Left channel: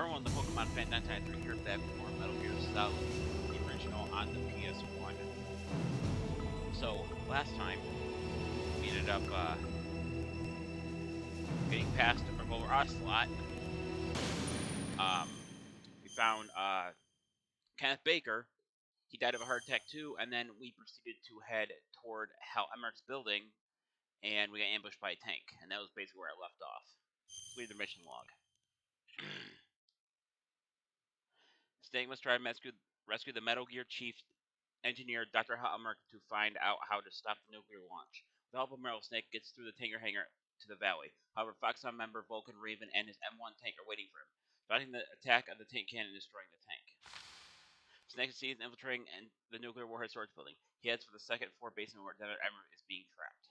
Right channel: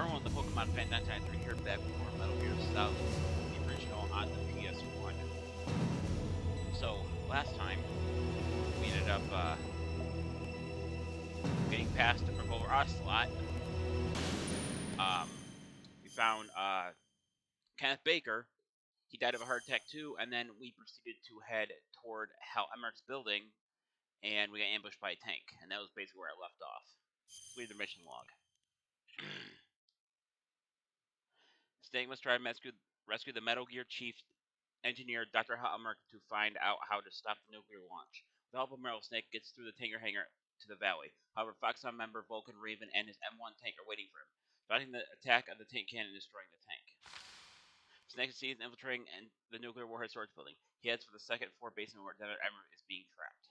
Meryl and the Pokemon Fan1993 here back with more Metal Gear Solid, the original on the PS1. So, last time, we ended up getting past Revolver Ocelot. We found Kenneth Baker. He died of a heart attack too, and then we proceeded to head toward Hal Emmerich's building, and we got ambushed by a tank, and that was basically where I left off. Read the mission log. Snake must try to rescue the Metal Gear Chief engineer Dr. Hal Emmerich to find out how to stop the nuclear launch. With the help of Meryl, Snake gets through the tanker hangar to the valley. However, Foxhound member Vulcan Raven and his M1 tank are waiting for him, fighting the attack of the tank cannon and destroying the tank. Snake succeeds in infiltrating the nuclear warhead storage building. He heads for the second floor basement where Dr. Emmerich is being trapped.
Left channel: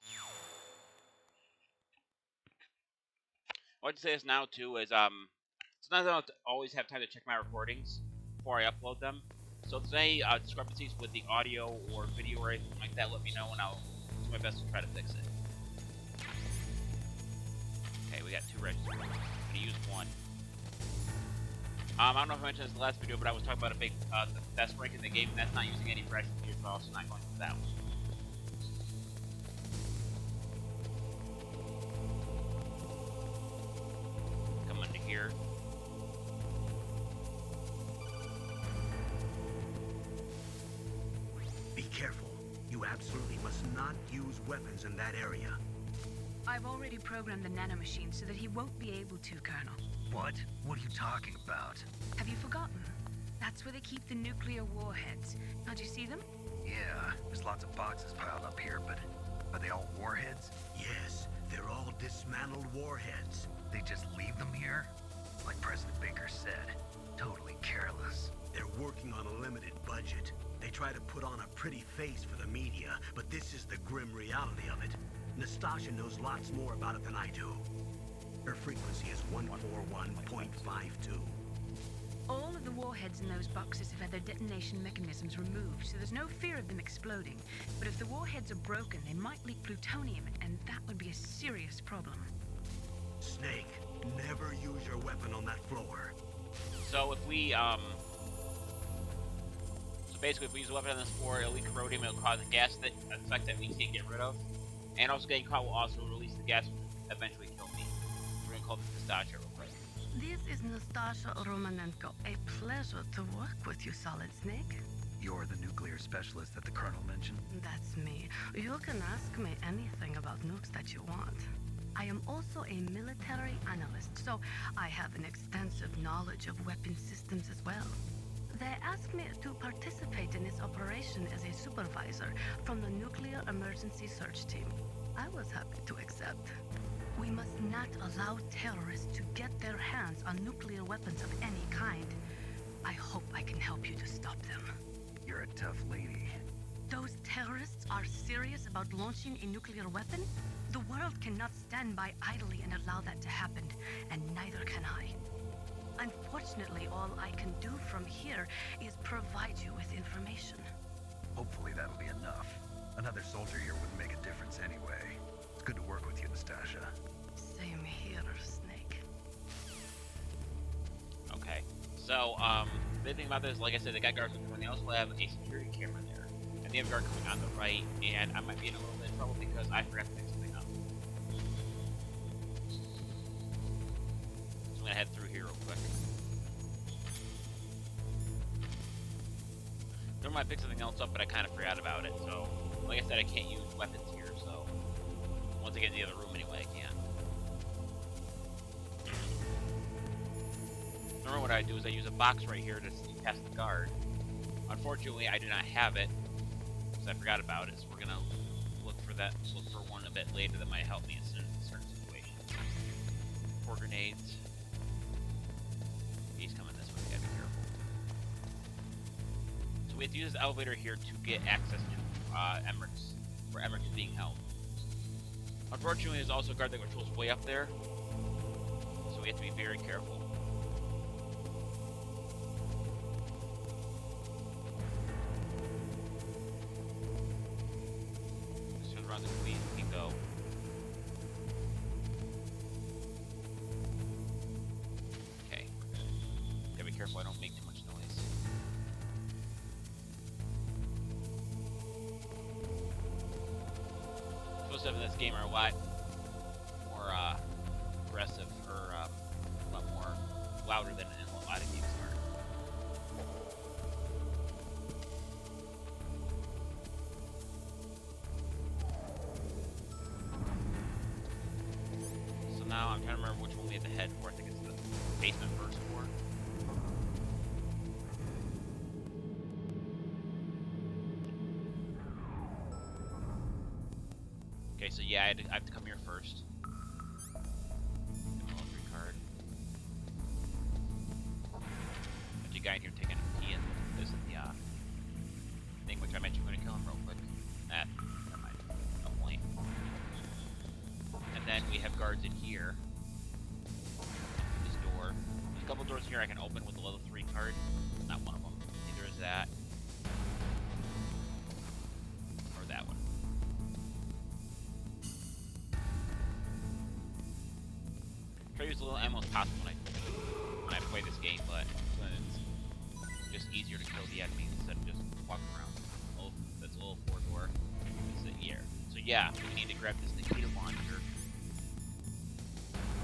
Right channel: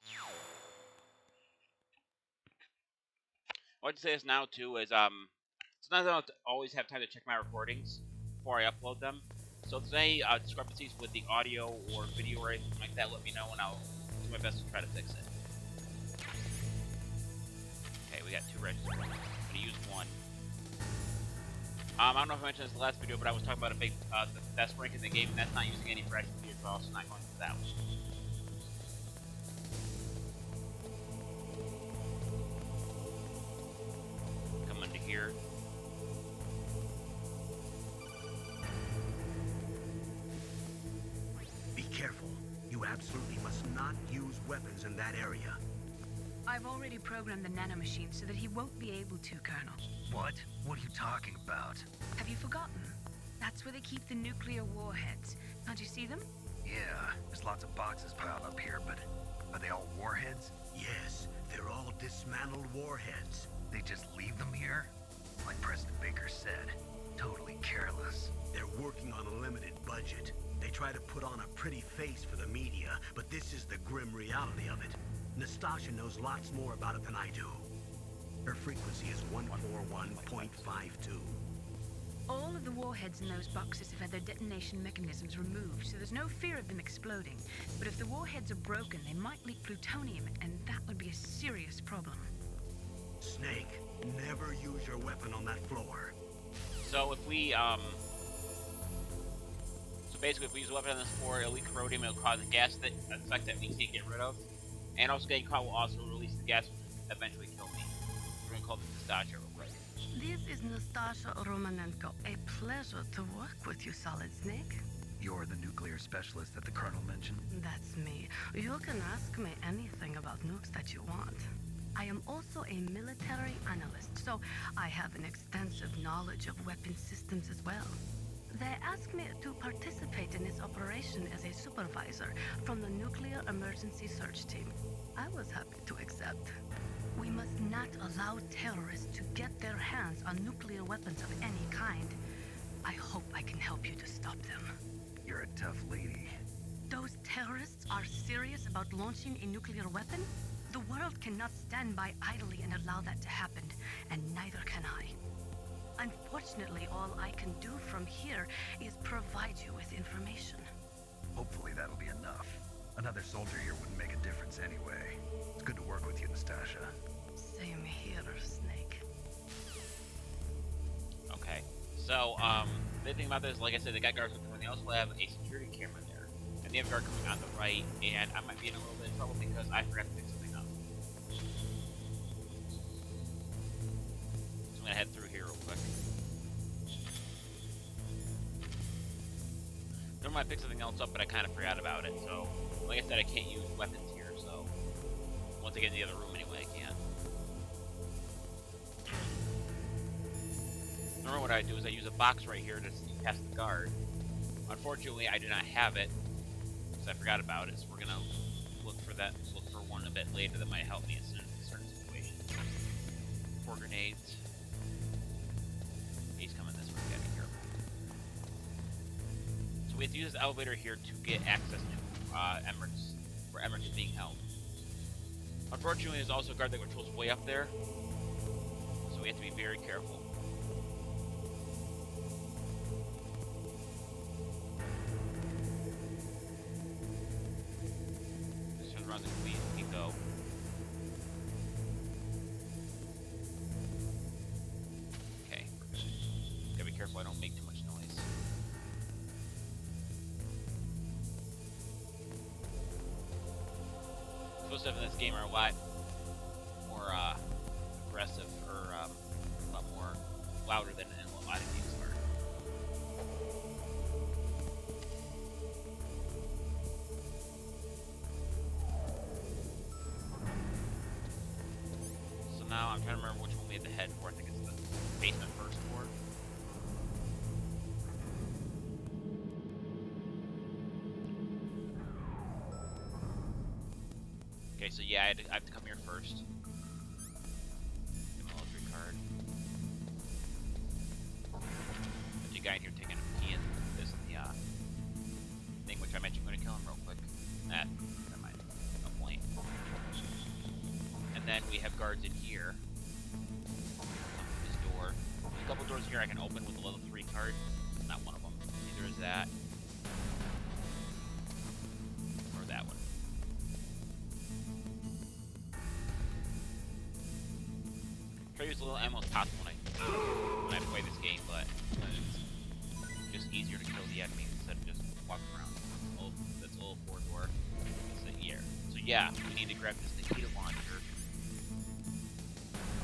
I want to say this now too is sometimes I don't always have time to check my recordings before I upload them. So if there's any discrepancies with the audio or video or anything like that, let me know and I'll do my best to try to fix it. Okay, we got 2 registers. I'm gonna use one. I don't know if I mentioned this in the last video, but I was talking about the best rank in the game, and that's not using any fresh gear, so I'm also not going for that one. Come into here. Be careful. You absolutely must not use weapons in that area. I've already programmed the nanomachine so that he won't be able to, Colonel. What? What are you talking about? Have you forgotten? That's where they keep the nuclear warheads. Can't you see them? Yeah, there's lots of boxes piled up here, but are they all warheads? Yes, they're all dismantled warheads. They just leave them here? Like President Baker said, totally careless. They're working on a limited budget. They try to put on a pretty face for the media, but this is the grim reality of it. Nastasha knows lots more about it than I do. Her frequency is 141.52. All of the warheads in those boxes have had their detonation mechanisms removed, so there's no fear of them exploding. But if the warheads are broken, they might leak plutonium, and that would be a serious problem. Snake, never use your weapon on that floor. So if we, basically if we use a weapon on this floor, it'll leak corrodium, it'll cause a gas effect that we can't get rid of. And also getting caught will also release the gas, which will eventually kill me. We're gonna call this Nastasha real quick. This is Nastasha Romanenko. A pleasure to work with you, Solid Snake. You're the nuclear specialist that the Colonel mentioned? That's me. You can ask me anything about nukes that you want. I am also a military analyst, so I have an extensive knowledge of weapon systems as well. They asked me to participate in this operation as a supervisor from the Nuclear Emergency Search Team. I was happy to accept. We must not allow terrorists to get their hands on nuclear weapons of any kind. I hope I can help you to stop them. You're a tough lady. Those terrorists are serious about launching a nuclear weapon? The world cannot stand by idly and allow that to happen, and neither can I. Unfortunately, all I can do from here is provide you with information. Hopefully that'll be enough. Another soldier here wouldn't make a difference anyway. It's good to work with you, Nastasha. Same here, Snake. Okay. So, the thing about this, like I said, they got guards with them. They also have a security camera there. And they have a guard coming on the right, and I might be in a little bit of trouble because I forgot to fix something up. So I'm gonna head through here real quick. There might pick something else up, but I kind of forgot about it. So, like I said, I can't use weapons here, so once I get in the other room anyway, I can. Normally what I do is I use a box right here to sneak past the guard. Unfortunately, I do not have it, because I forgot about it, so we're going to look for one a bit later that might help me in certain situations. 4 grenades. He's coming this way, gotta be careful. So we have to use this elevator here to get access to Emmerich's, where Emmerich is being held. Unfortunately, there's also a guard that controls way up there, so we have to be very careful. Just turn around the squeeze, we can go. Okay, we're good. careful I don't make too much noise. Footsteps in this game are a lot more aggressive, or a lot more louder than in a lot of games are. So now I'm trying to remember which one we have to head for. I think it's the basement first floor. Okay, so yeah, I have to come here first. Give me a level 3 card. There's a guy in here taking a pee, and this is the thing which I mentioned. I'm gonna kill him real quick. Never mind. No point. And then we have guards in here. Through this door. There's a couple doors here I can open with a level 3 card. Not one of them. Neither is that. Or that one. Try to use a little ammo as possible when I play this game, but it's just easier to kill the enemies instead of just walking around. Oh, that's a little 4 door. That's it, yeah. So yeah, we need to grab this Nikita launcher.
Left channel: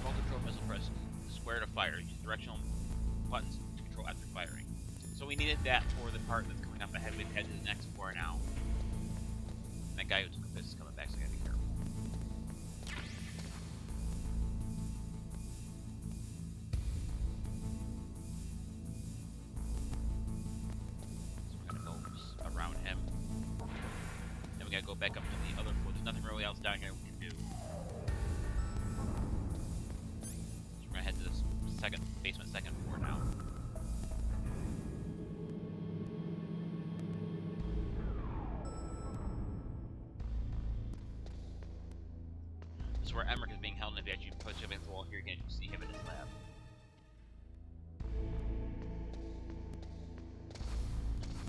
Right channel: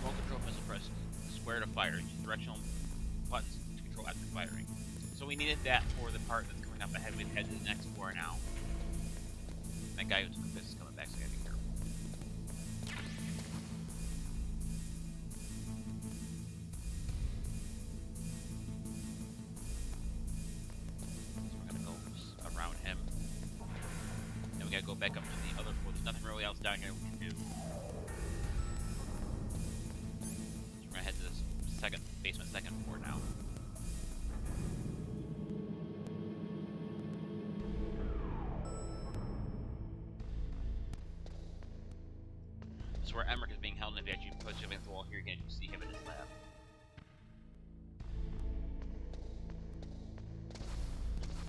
Remote control missile, press square to fire. Use directional buttons to control after firing. So we needed that for the part that's coming up ahead. We've head to the next floor now. That guy who took a piss is coming back, so I gotta be careful. Around him. Then we gotta go back up to the other floor. There's nothing really else down here we can do. So we're gonna head to this basement second floor now. This is where Emmerich is being held, and if you actually push him against the wall here, you can see him in his lab.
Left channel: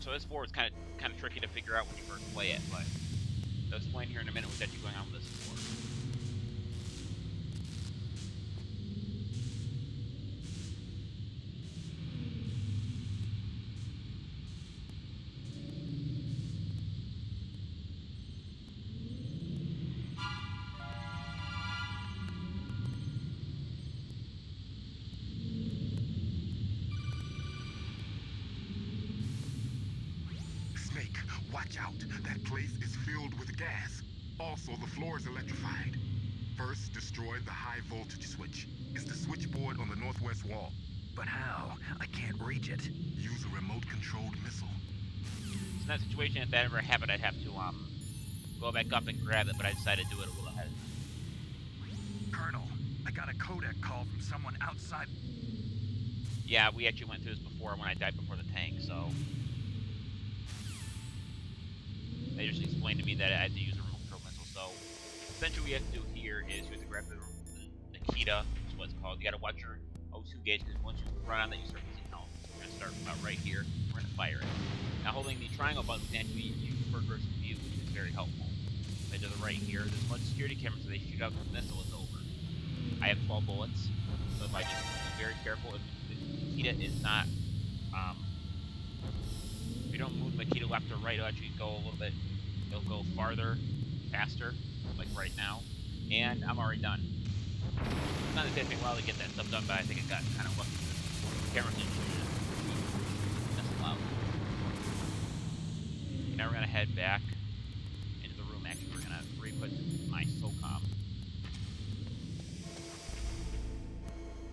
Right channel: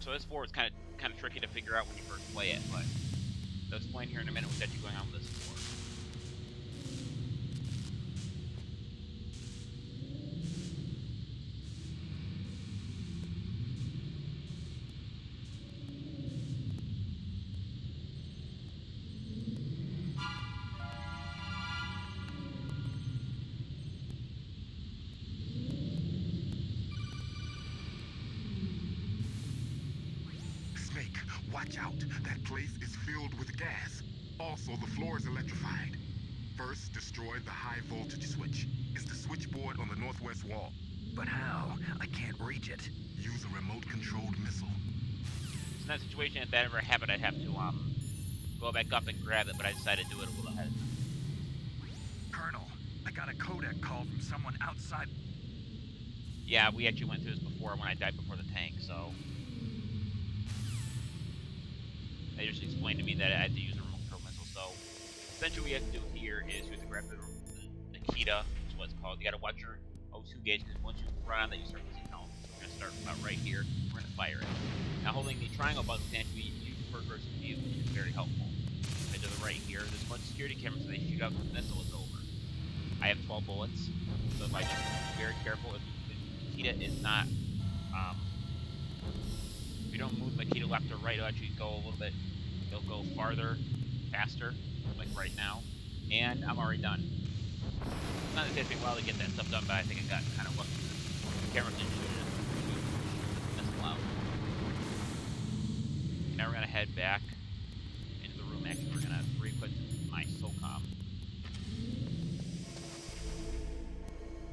So this floor is kind of tricky to figure out when you first play it, but I'll explain here in a minute what's actually going on with this floor. Snake, watch out. That place is filled with gas. Also, the floor is electrified. First, destroy the high voltage switch. It's the switchboard on the northwest wall. But how? I can't reach it. Use a remote-controlled missile. So in that situation, if that ever happened, I'd have to go back up and grab it, but I decided to do it a little ahead of time. Colonel, I got a codec call from someone outside. Yeah, we actually went through this before when I died before the tank, so they just explained to me that I had to use a remote control missile. So essentially what you have to do here is you have to grab the Nikita, which is what it's called. You gotta watch your O2 gauge, because once you run on that, you start losing health. So we're gonna start about right here. We're gonna fire it. Now holding the triangle button, we can actually use first person view, which is very helpful. Right to the right here, there's a bunch of security cameras, so they shoot out the missile is over. I have 12 bullets, so if I just be very careful, if the Nikita is not, if you don't move Nikita left or right, it'll actually go a little bit, it'll go farther, faster, like right now, and I'm already done. It's not going to take me a while to get that stuff done, but I think I got kind of lucky with the cameras didn't shoot the missile out. Now we're going to head back into the room. Actually, we're going to re-equip my SOCOM.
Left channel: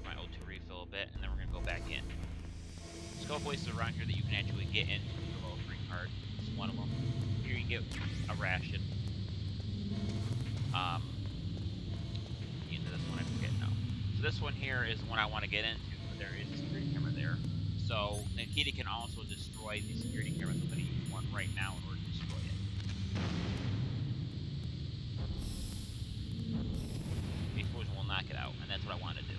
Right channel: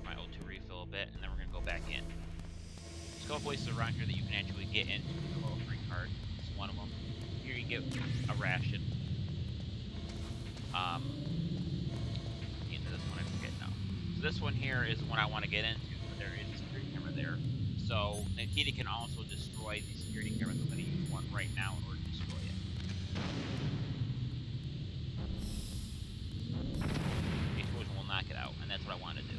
My O2 refill a bit, and then we're going to go back in. There's a couple places around here that you can actually get into with the level 3 card. This is one of them. Here you can get a ration. Into this one, I forget now. So this one here is the one I want to get into, but there is a security camera there. So Nikita can also destroy the security camera. So I'm going to use one right now in order to destroy it. The explosion will knock it out, and that's what I want to do.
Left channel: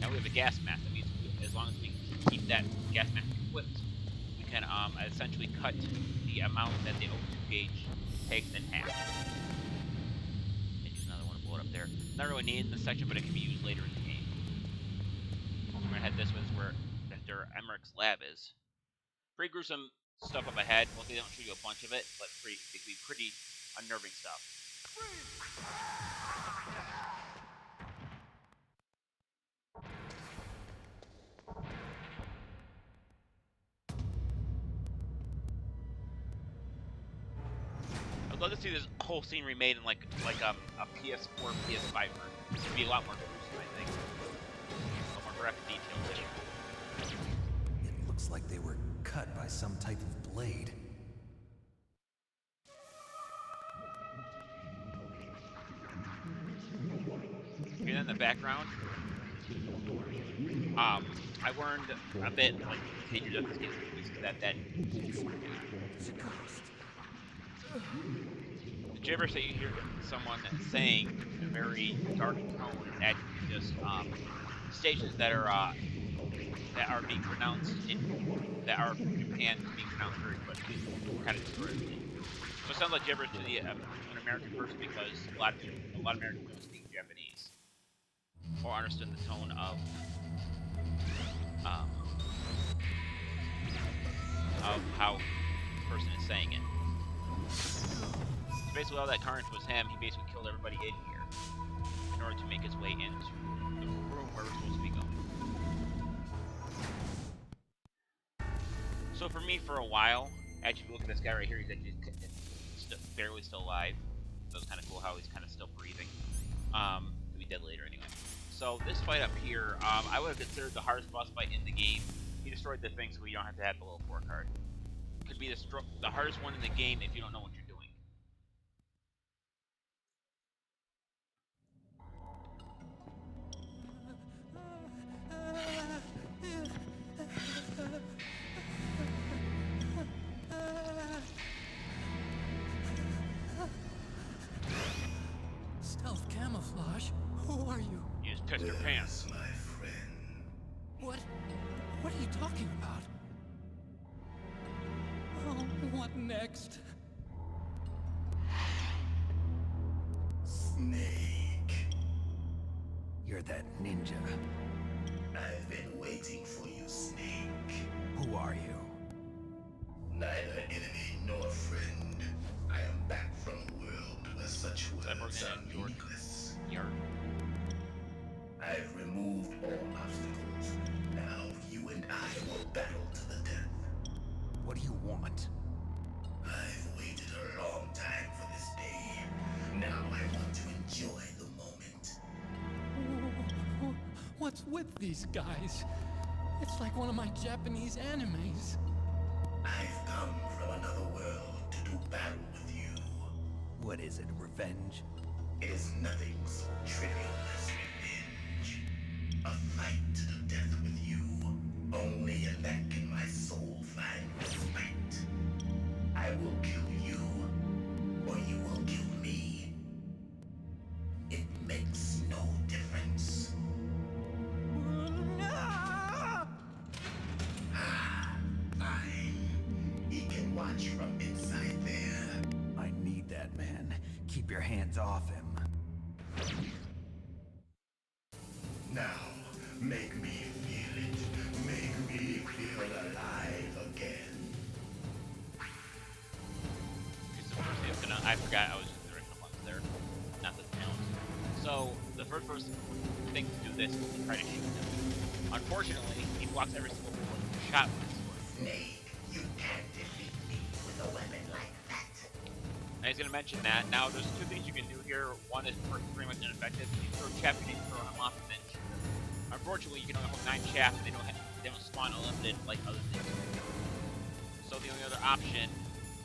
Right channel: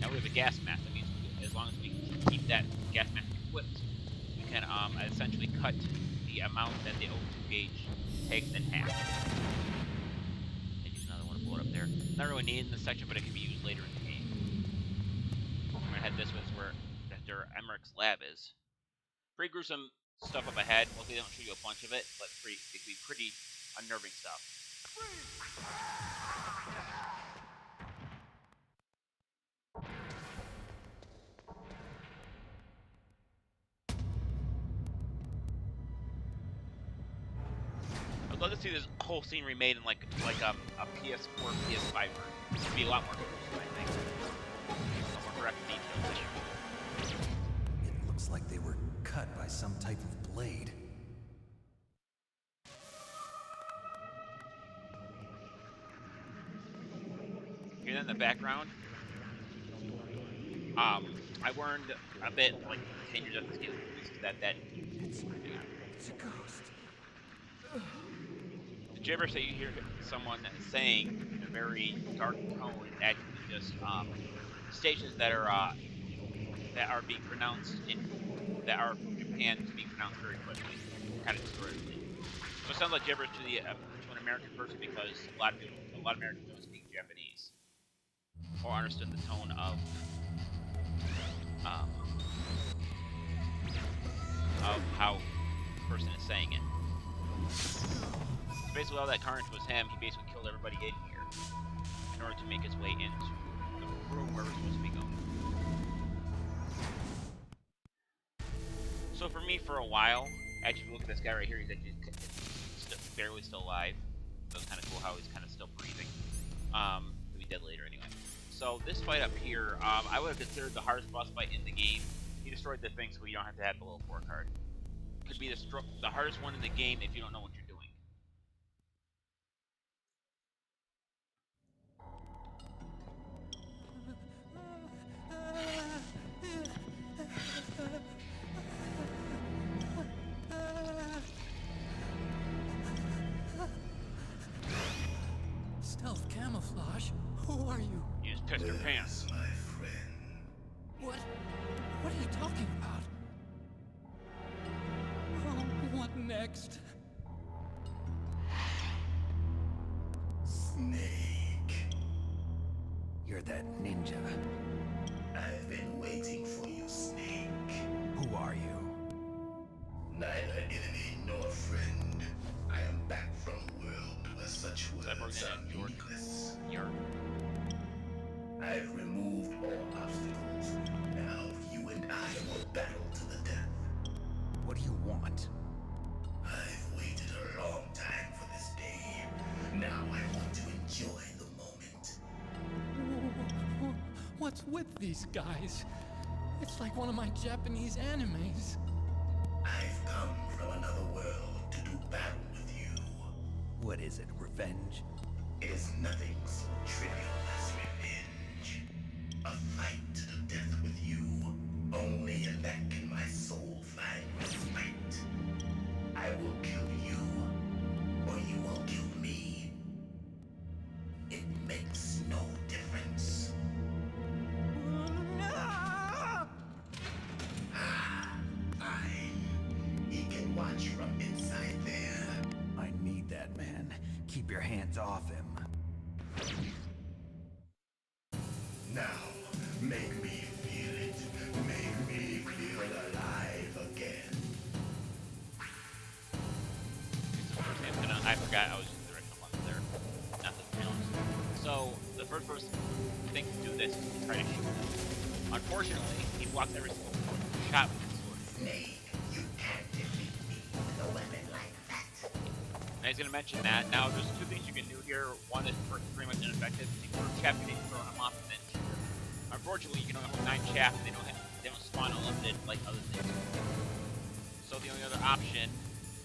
Now we have a gas mask. That means as long as we keep that gas mask equipped, we can essentially cut the amount that the O2 gauge takes in half. Up there. Not really needed in this section, but it can be used later in the game. I'm gonna head this way. This is where I have to Dr. Emmerich's lab is. Pretty gruesome stuff up ahead. Mostly they don't show you a bunch of it, but it can be pretty unnerving stuff. I'd love to see this whole scene remade in like a PS4, PS5 version. It would be a lot more gruesome, I think. A lot more graphic details there. It looks like they were cut by some type of blade. And in the background, I learned a bit like 10 years after this game was released that It's a ghost. the gibberish that you hear someone saying in a very dark tone is actually just stations that are being pronounced that are from Japan being pronounced very quickly, kind of distortedly. So it sounds like gibberish to an American person because a lot of Americans don't speak Japanese or understand the tone of how the person is saying it. So basically, all that carnage was him. He basically killed everybody in here in order to make his way into the room where we're supposed to be going. So for me, for a while, actually, look at this guy right here. He's actually barely still alive. So it's kind of cool how he's kind of still breathing. He'll be dead later anyway. So this fight up here, I would have considered the hardest boss fight in the game. He destroyed the thing, so you don't have to have the little 4 card. Could be the hardest one in the game if you don't know what you're doing. Stealth camouflage? Who are you? You just pissed your pants. My friend. What are you talking about? Oh, what next? Snake. You're that ninja. I've been waiting for you, Snake. Who are you? Neither enemy nor friend. I am back from a world where such words Cyborg Ninja, are meaningless. Yard. I've removed all obstacles. Now you and I will battle to the death. What do you want? I've waited a long time for this day. Now I want to enjoy the moment. What's with these guys? It's like one of my Japanese animes. I've come from another world to do battle with you. What is it, revenge? It is nothing so trivial as revenge. A fight to the death with you. Only in that can my soul find respite. I will kill you, or you will kill me. It makes no difference. Fine. He can watch from inside there. I need that man. Keep your hands off him. Now, make me feel it. Make me feel alive again. Because the first thing that's I forgot I was using the directional buttons there, not the challenge. So the first thing to do this is to try to shoot him. Unfortunately, he blocks every single shot with his sword. Snake, you can't defeat me with a weapon like that. And he's going to mention that. Now, there's 2 things you can do here. One is pretty much ineffective. If you throw chaff, you need to throw him off and then shoot him. Unfortunately, you can only hold 9 chaff, and they don't spawn unlimited like other things. So the only other option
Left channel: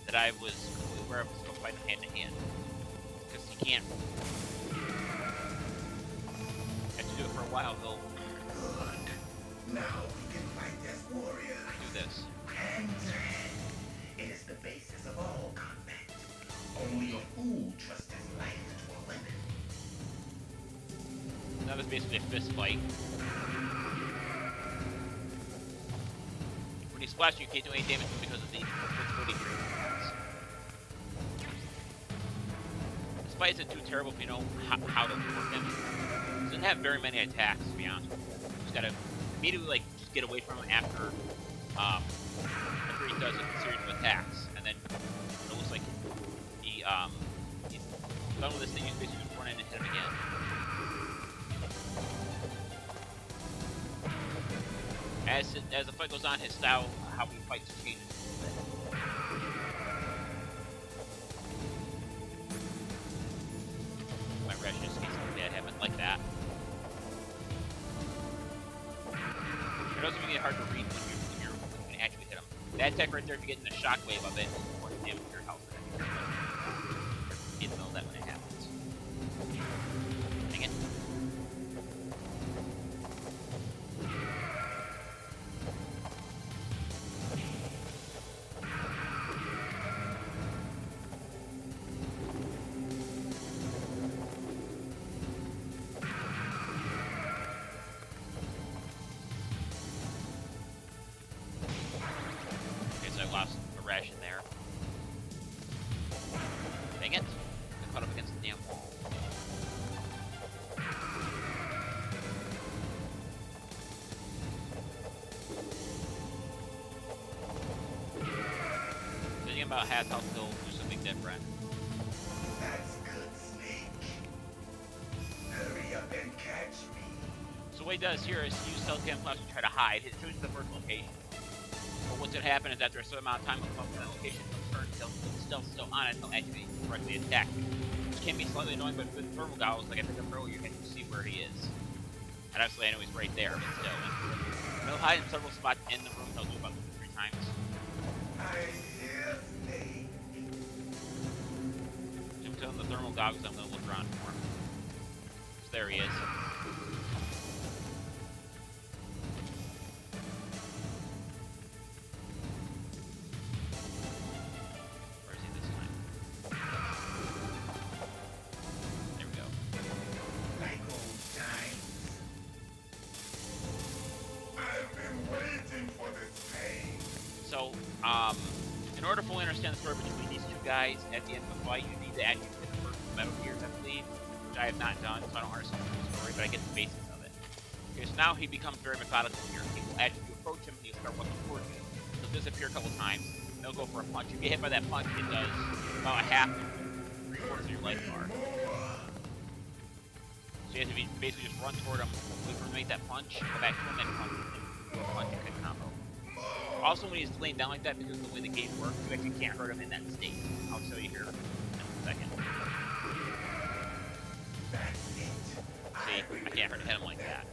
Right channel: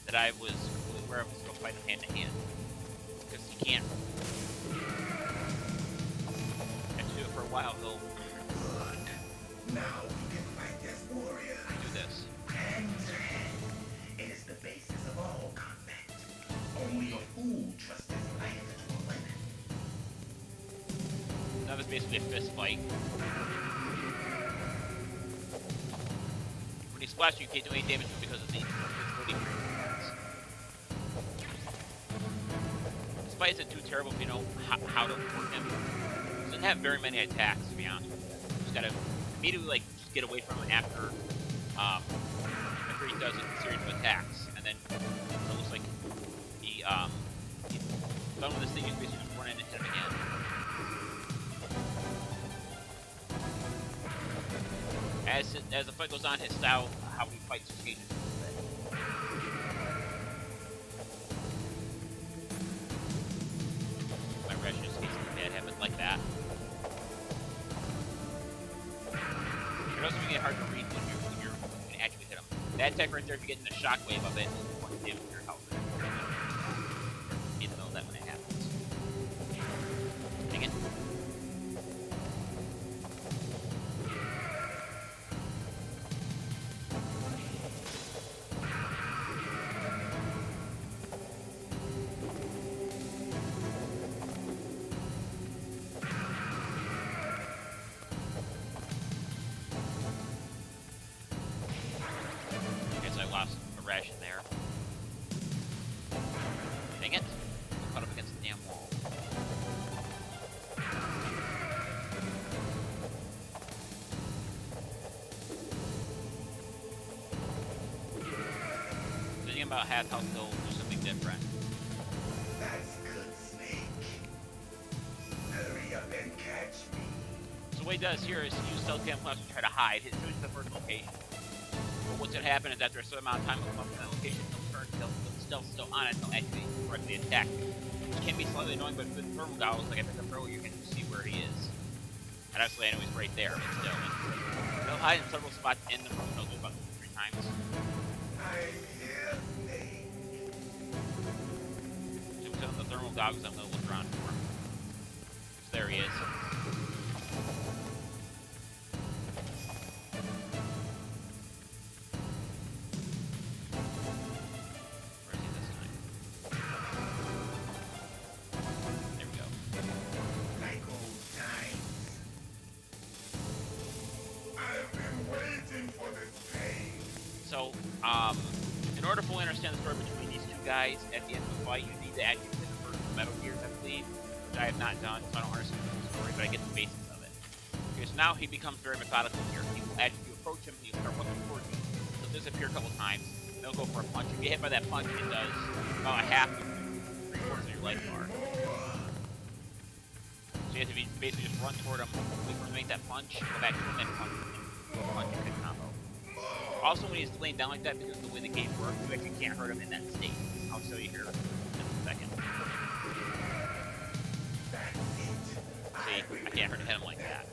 that I was completely aware of was to go fight him hand to hand, because he can't. After you do it for a while, he'll Good. Now we can fight as warriors. do this. Hand to hand. It is the basis of all combat. Only a fool trusts his life to a weapon. Now this is basically a fist fight. When he splashes, you can't do any damage to him because of the invincibility tree he has. This fight isn't too terrible if you know how to work him. He doesn't have very many attacks, to be honest with you. You just gotta immediately like just get away from him after he does a series of attacks, and then it looks like he's done with this thing. He's basically just run in and hit him again. As the fight goes on, his style, how he fights, changes a little bit. My rash just gets something bad happen like that. It also can get hard to read when you can actually hit him. That attack right there, if you get in the shockwave of it, will do a bunch of damage to your health. Be in the middle of that when it happens. Dang it. Lost a ration there. Dang it. I caught up against the damn wall. Thinking about half health, he'll do something different. That's good, Snake. Hurry up and catch me. So what he does here is use stealth camouflage to try to hide. It shows you the first location. But what's going to happen is after a certain amount of time, he'll come up to that location, he'll the stealth still on it, he'll actually directly attack you. Which can be slightly annoying, but with thermal goggles, like I picked up earlier, you can see where he is. And obviously I know he's right there, but still. And he'll hide in several spots in the room, and he'll do about 2 or 3 times. I'm here, Snake. So I'm telling the thermal goggles, I'm going to look around for him. So there he is. So, in order to fully understand the story between these two guys at the end of the fight, you need to actually hit the first Metal Gears, I believe, which I have not done, so I don't understand the full story, but I get the basics of it. Okay, so now he becomes very methodical here. He will actually, if you approach him, he'll start walking towards you. He'll disappear a couple times, and he'll go for a punch. If you get hit by that punch, it does about a half of 3/4 of your life bar. So you have to basically just run toward him, wait for him to make that punch, go back to him, and punch, and do a punch and hit combo. Also, when he's laying down like that, because of the way the game works, you actually can't hurt him in that state. I'll show you here in a second. See, I can't hurt him like that.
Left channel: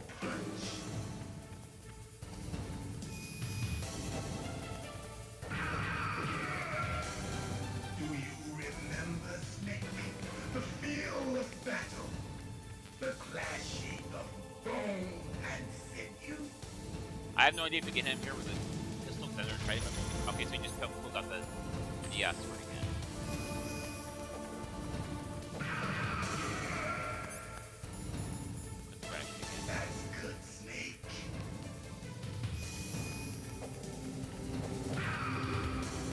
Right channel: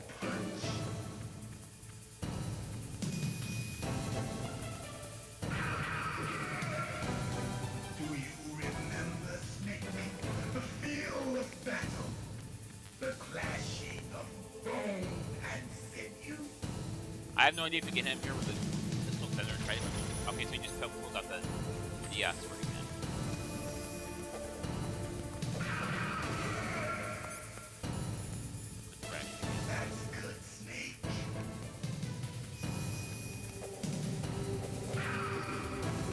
Do you remember, Snake? The feel of battle. The clashing of bone and sinew. I have no idea if you can hit him here with a pistol feather. Okay, so he just pulls out the sword again. Put the ration again. That's good, Snake.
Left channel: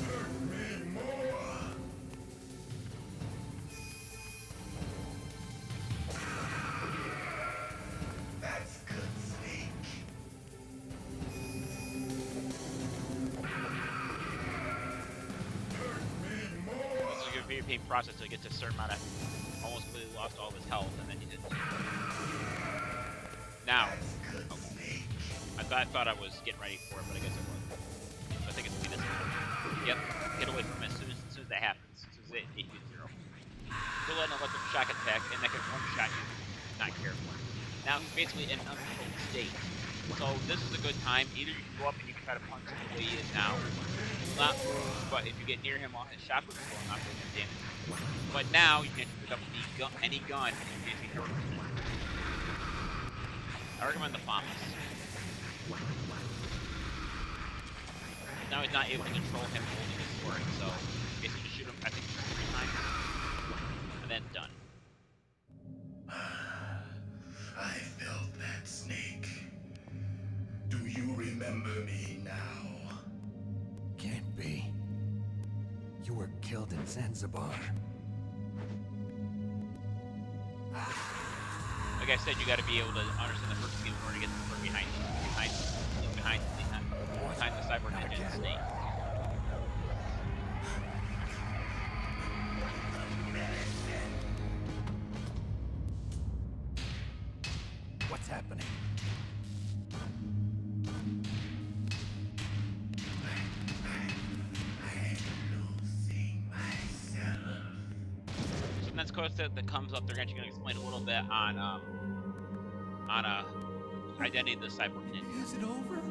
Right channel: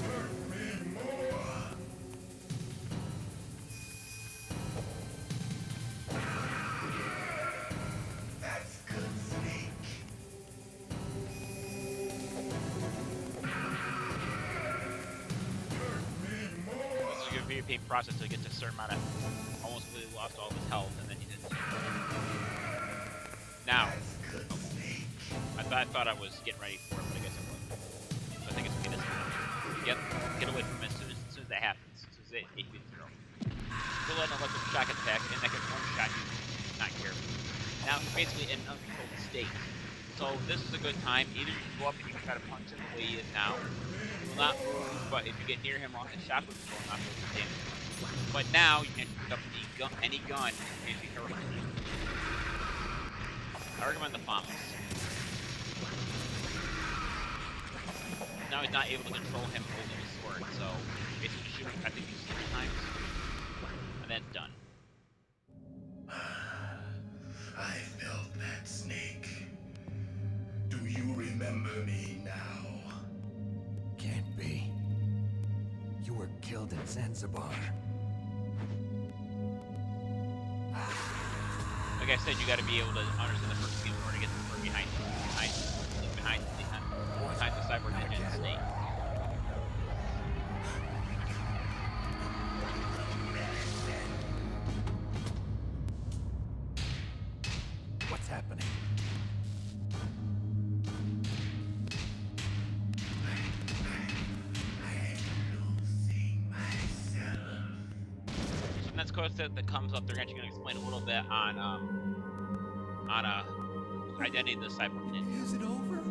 Hurt me more. That's good, Snake. PvP process to get to a certain amount of almost completely lost all of his health, and then he did. Now, okay. I thought I was getting ready for it, but I guess I wasn't. So I think it's gonna be this time. Yep, get away from him as soon as that happens. As soon as it hits 0. Still let an electric shock attack, and that can one-shot you if not careful. Now he's basically in an uncontrolled state. So this is a good time. Either you can go up and you can try to punch him the way he is now. He will not move, but if you get near him while his shock was going off, he'll do damage. But now you can actually pick up any gun in case he hurts it. I recommend the Famas. Now he's not able to control him holding his sword, so basically just shoot him, I think, just 3 times, and then done. I felt that, Snake. Do you remember me now? Can't be. You were killed in Zanzibar. like I said, you got to be able to understand the first game in order to get the story behind the Cyborg Not Ninja and again. Snake. What's happening? So next question that comes up, they're actually going to explain a little bit on identity of the Cyborg Ninja. Is it over?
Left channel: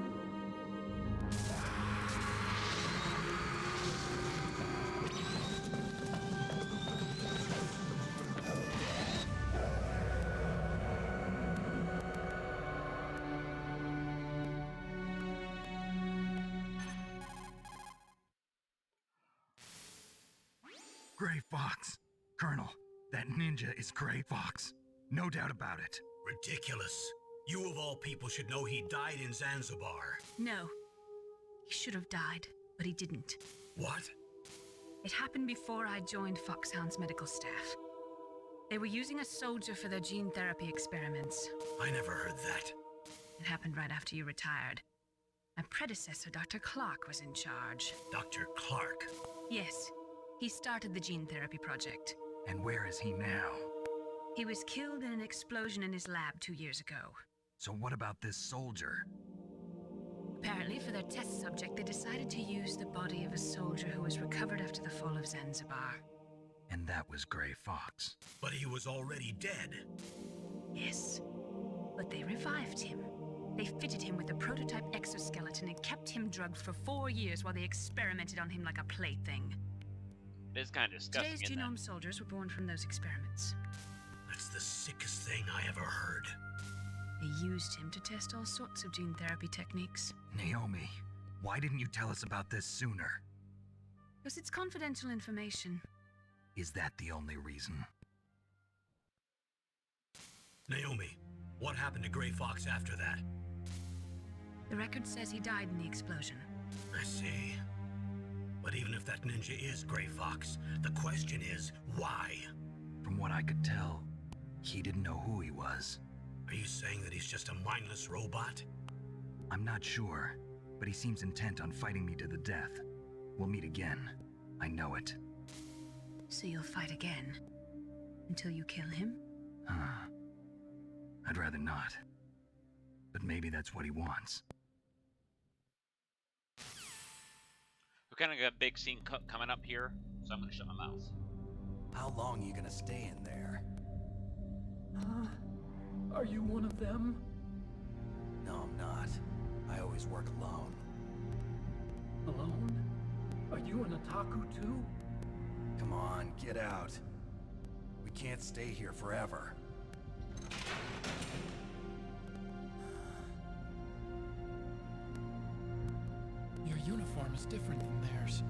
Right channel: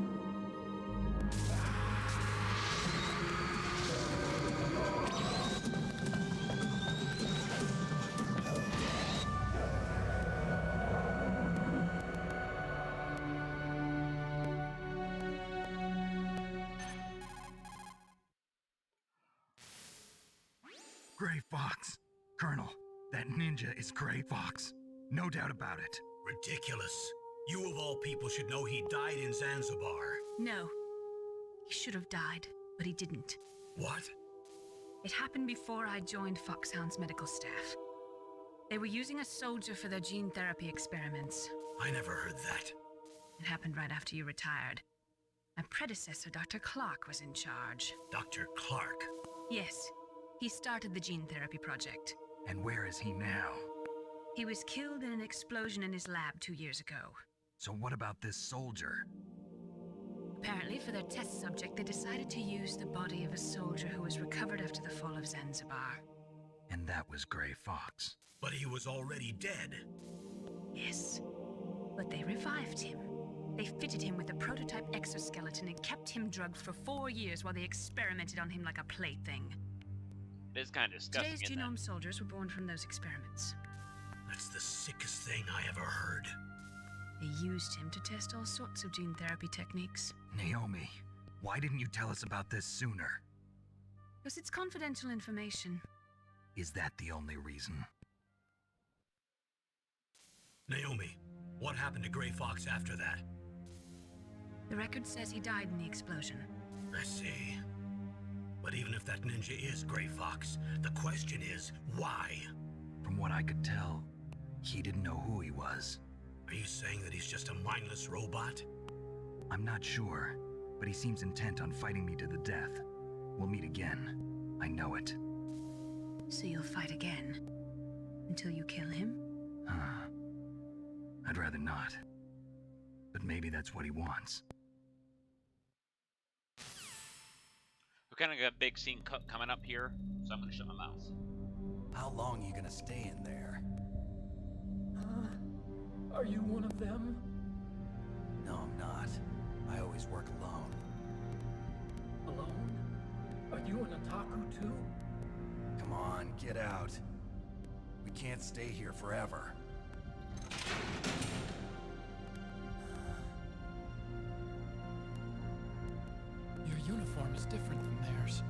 Gray Fox. Colonel, that ninja is Gray Fox. No doubt about it. Ridiculous. You of all people should know he died in Zanzibar. No. He should have died, but he didn't. What? It happened before I joined Foxhound's medical staff. They were using a soldier for their gene therapy experiments. I never heard that. It happened right after you retired. My predecessor, Dr. Clark, was in charge. Dr. Clark. Yes, he started the gene therapy project. And where is he now? He was killed in an explosion in his lab 2 years ago. So what about this soldier? Apparently, for their test subject, they decided to use the body of a soldier who was recovered after the fall of Zanzibar. And that was Gray Fox. But he was already dead. Yes, but they revived him. They fitted him with a prototype exoskeleton and kept him drugged for 4 years while they experimented on him like a plaything. It is kind of disgusting. Today's genome soldiers were born from those experiments. That's the sickest thing I ever heard. They used him to test all sorts of gene therapy techniques. Naomi, why didn't you tell us about this sooner? Because it's confidential information. Is that the only reason? Naomi, what happened to Gray Fox after that? The record says he died in the explosion. I see. But even if that ninja is Gray Fox, the question is, why? From what I could tell, he didn't know who he was. Are you saying that he's just a mindless robot? I'm not sure, but he seems intent on fighting me to the death. We'll meet again. I know it. So you'll fight again? Until you kill him? I'd rather not. But maybe that's what he wants. We kind of got a big scene coming up here, so I'm going to shut my mouth. How long are you gonna stay in there? Are you one of them? No, I'm not. I always work alone. Alone? Are you an otaku too? Come on, get out. We can't stay here forever. Your uniform is different than theirs.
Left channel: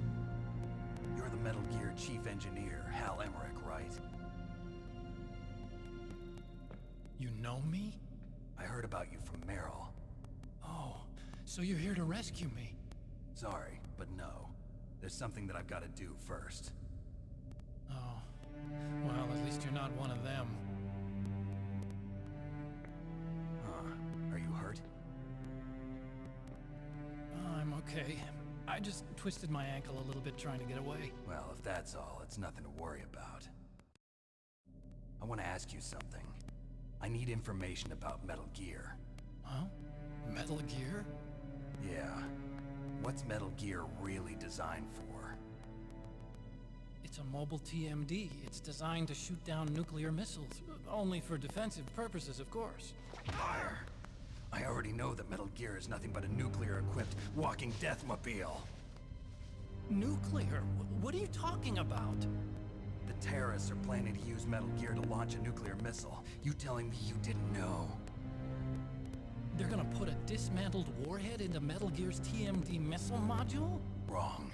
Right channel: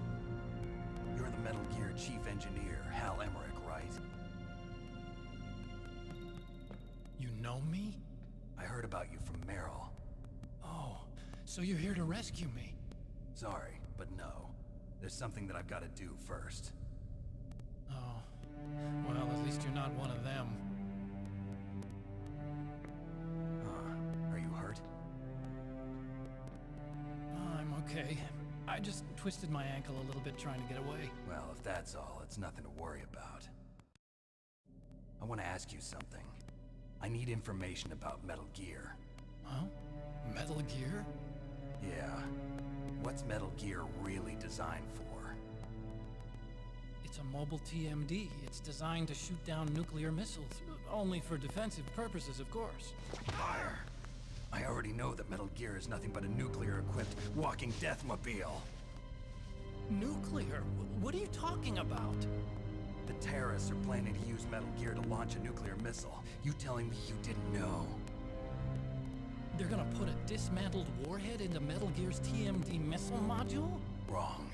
You're the Metal Gear Chief Engineer, Hal Emmerich, right? You know me? I heard about you from Meryl. Oh, so you're here to rescue me? Sorry, but no. There's something that I've got to do first. Oh, well, at least you're not one of them. Huh. Are you hurt? I'm okay. I just twisted my ankle a little bit trying to get away. Well, if that's all, it's nothing to worry about. I want to ask you something. I need information about Metal Gear. Huh? Metal Gear? Yeah. What's Metal Gear really designed for? It's a mobile TMD. It's designed to shoot down nuclear missiles. Only for defensive purposes, of course. Fire! I already know that Metal Gear is nothing but a nuclear-equipped walking deathmobile. Nuclear? What are you talking about? The terrorists are planning to use Metal Gear to launch a nuclear missile. You telling me you didn't know? They're gonna put a dismantled warhead into Metal Gear's TMD missile module? Wrong.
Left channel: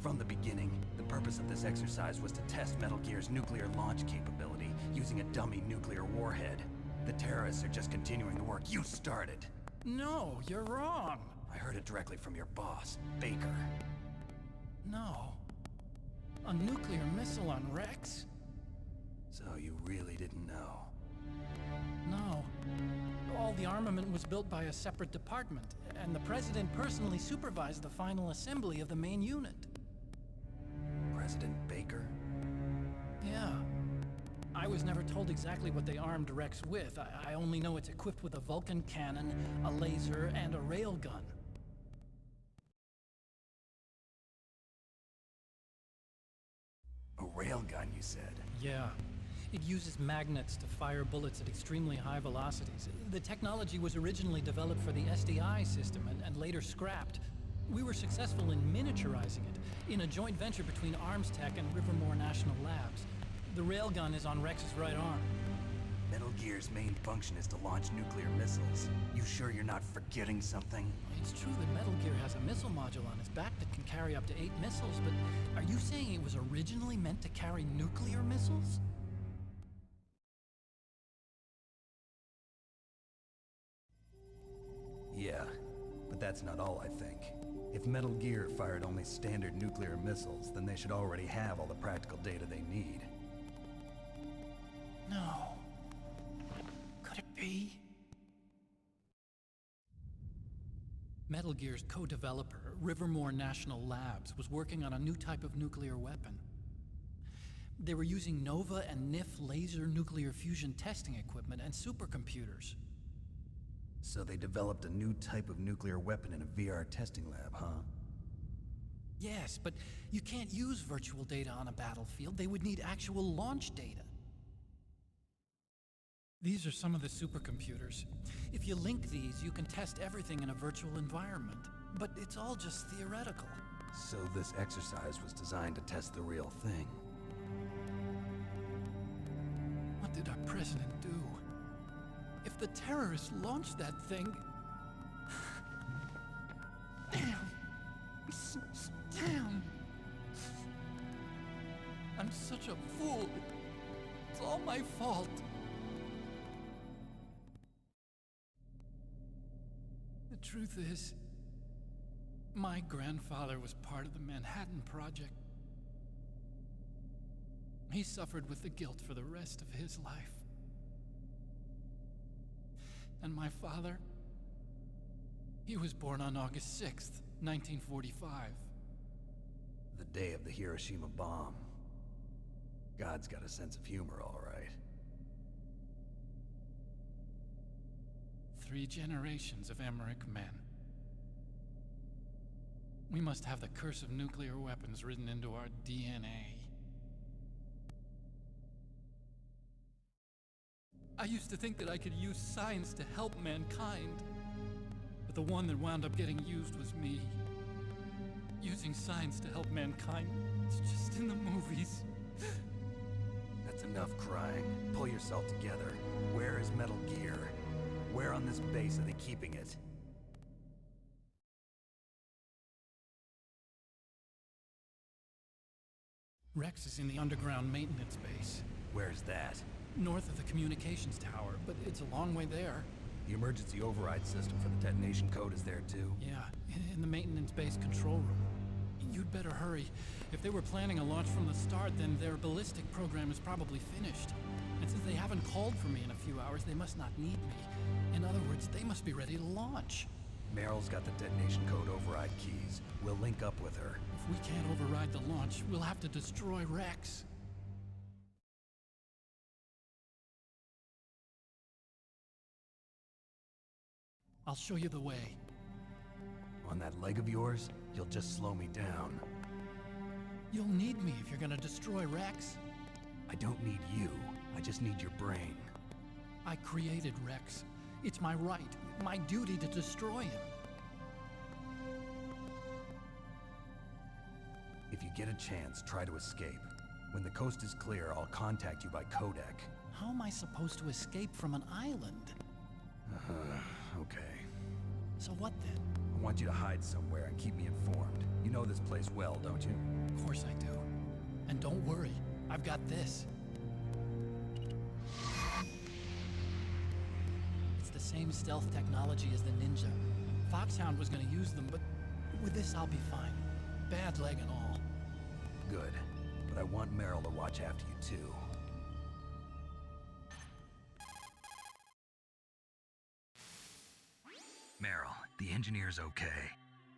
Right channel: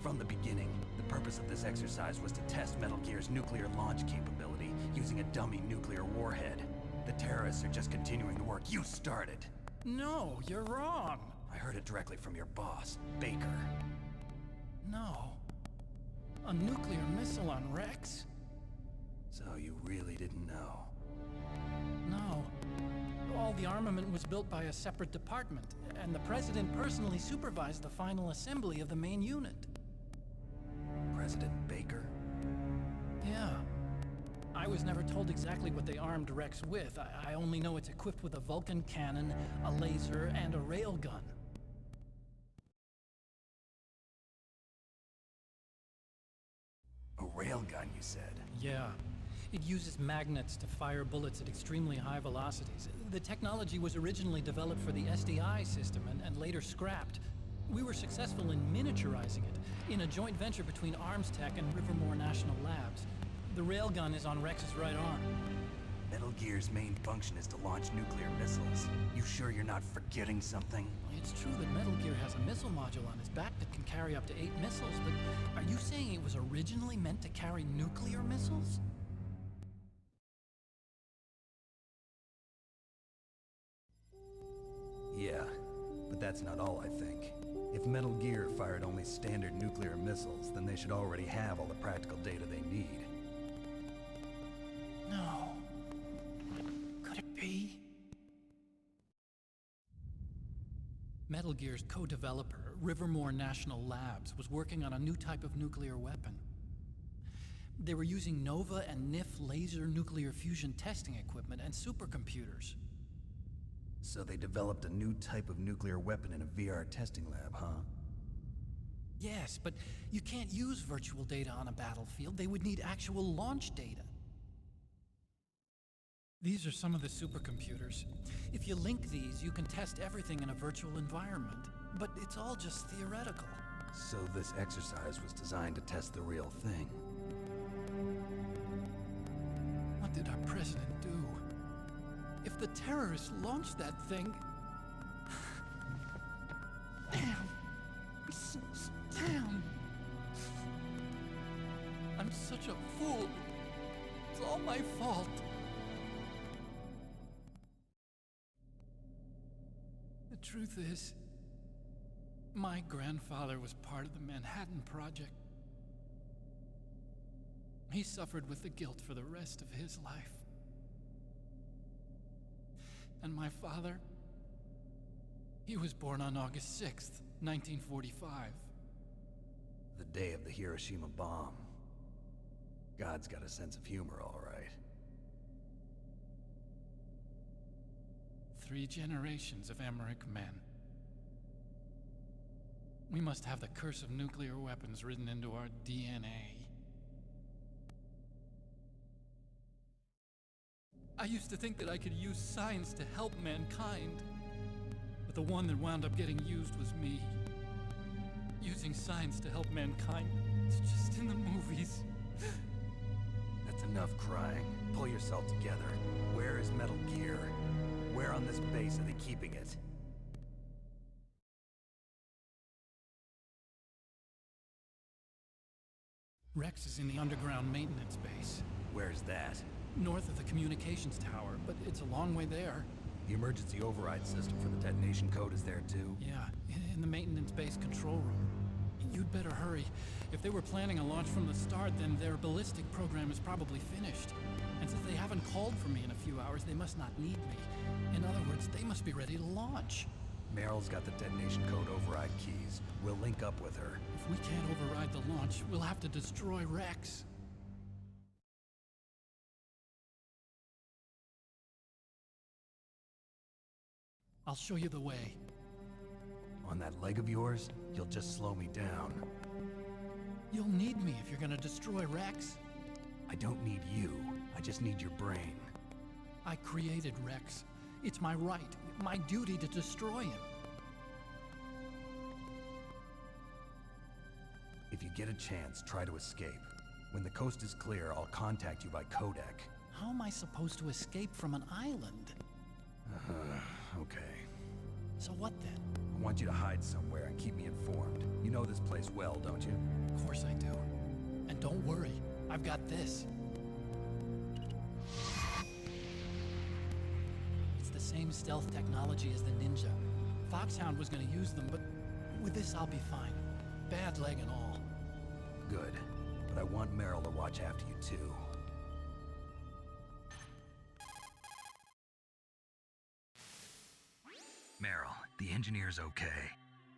From the beginning, the purpose of this exercise was to test Metal Gear's nuclear launch capability using a dummy nuclear warhead. The terrorists are just continuing the work you started. No, you're wrong. I heard it directly from your boss, Baker. No. A nuclear missile on Rex? So you really didn't know? No. All the armament was built by a separate department, and the President personally supervised the final assembly of the main unit. President Baker? Yeah. I was never told exactly what they armed Rex with. I only know it's equipped with a Vulcan cannon, a laser, and a railgun. A railgun, you said? Yeah. It uses magnets to fire bullets at extremely high velocities. The technology was originally developed for the SDI system and later scrapped. We were successful in miniaturizing it in a joint venture between Armstech and Rivermore National Labs. The railgun is on Rex's right arm. Metal Gear's main function is to launch nuclear missiles. You sure you're not forgetting something? It's true that Metal Gear has a missile module on his back that can carry up to 8 missiles, but are you saying it was originally meant to carry nuclear missiles? Yeah, but that's not all, I think. If Metal Gear fired only standard nuclear missiles, then they should already have all the practical data they need. No. Could it be? Metal Gear's co-developer, Rivermore National Labs, was working on a new type of nuclear weapon. They were using Nova and NIF laser nuclear fusion testing equipment and supercomputers. So they developed a new type of nuclear weapon in a VR testing lab, huh? Yes, but you can't use virtual data on a battlefield. They would need actual launch data. These are some of the supercomputers. If you link these, you can test everything in a virtual environment. But it's all just theoretical. So this exercise was designed to test the real thing. What did our president do? If the terrorists launched that thing... Damn! Damn! I'm such a fool. It's all my fault. The truth is, my grandfather was part of the Manhattan Project. He suffered with the guilt for the rest of his life. And my father, he was born on August 6th, 1945. The day of the Hiroshima bomb. God's got a sense of humor, all right. 3 generations of Emmerich men. We must have the curse of nuclear weapons written into our DNA. I used to think that I could use science to help mankind, but the one that wound up getting used was me. Using science to help mankind, it's just in the movies. That's enough crying. Pull yourself together. Where is Metal Gear? Where on this base are they keeping it? Rex is in the underground maintenance base. Where's that? North of the communications tower, but it's a long way there. The emergency override system for the detonation code is there too? Yeah, in the maintenance base control room. You'd better hurry. If they were planning a launch from the start, then their ballistic program is probably finished. And since they haven't called for me in a few hours, they must not need me. In other words, they must be ready to launch. Meryl's got the detonation code override keys. We'll link up with her. If we can't override the launch, we'll have to destroy Rex. I'll show you the way. On that leg of yours, you'll just slow me down. You'll need me if you're gonna destroy Rex. I don't need you. I just need your brain. I created Rex. It's my right, my duty to destroy him. If you get a chance, try to escape. When the coast is clear, I'll contact you by codec. How am I supposed to escape from an island? Okay. So what then? I want you to hide somewhere and keep me informed. You know this place well, don't you? Of course I do. And don't worry, I've got this. It's the same stealth technology as the Ninja. Foxhound was gonna use them, but with this I'll be fine. Bad leg and all. Good. But I want Meryl to watch after you too. The engineer's okay.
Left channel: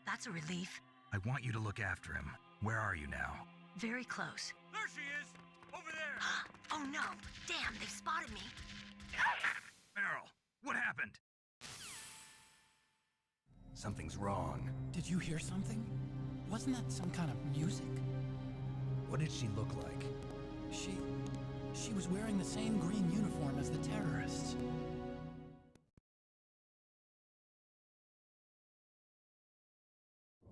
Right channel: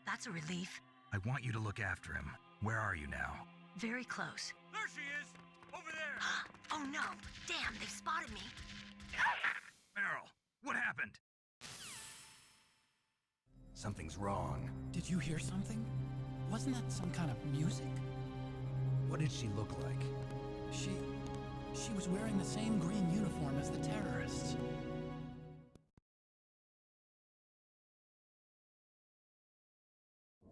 That's a relief. I want you to look after him. Where are you now? Very close. There she is! Over there! Oh no! Damn, they've spotted me. Meryl, what happened? Something's wrong. Did you hear something? Wasn't that some kind of music? What did she look like? She was wearing the same green uniform as the terrorists.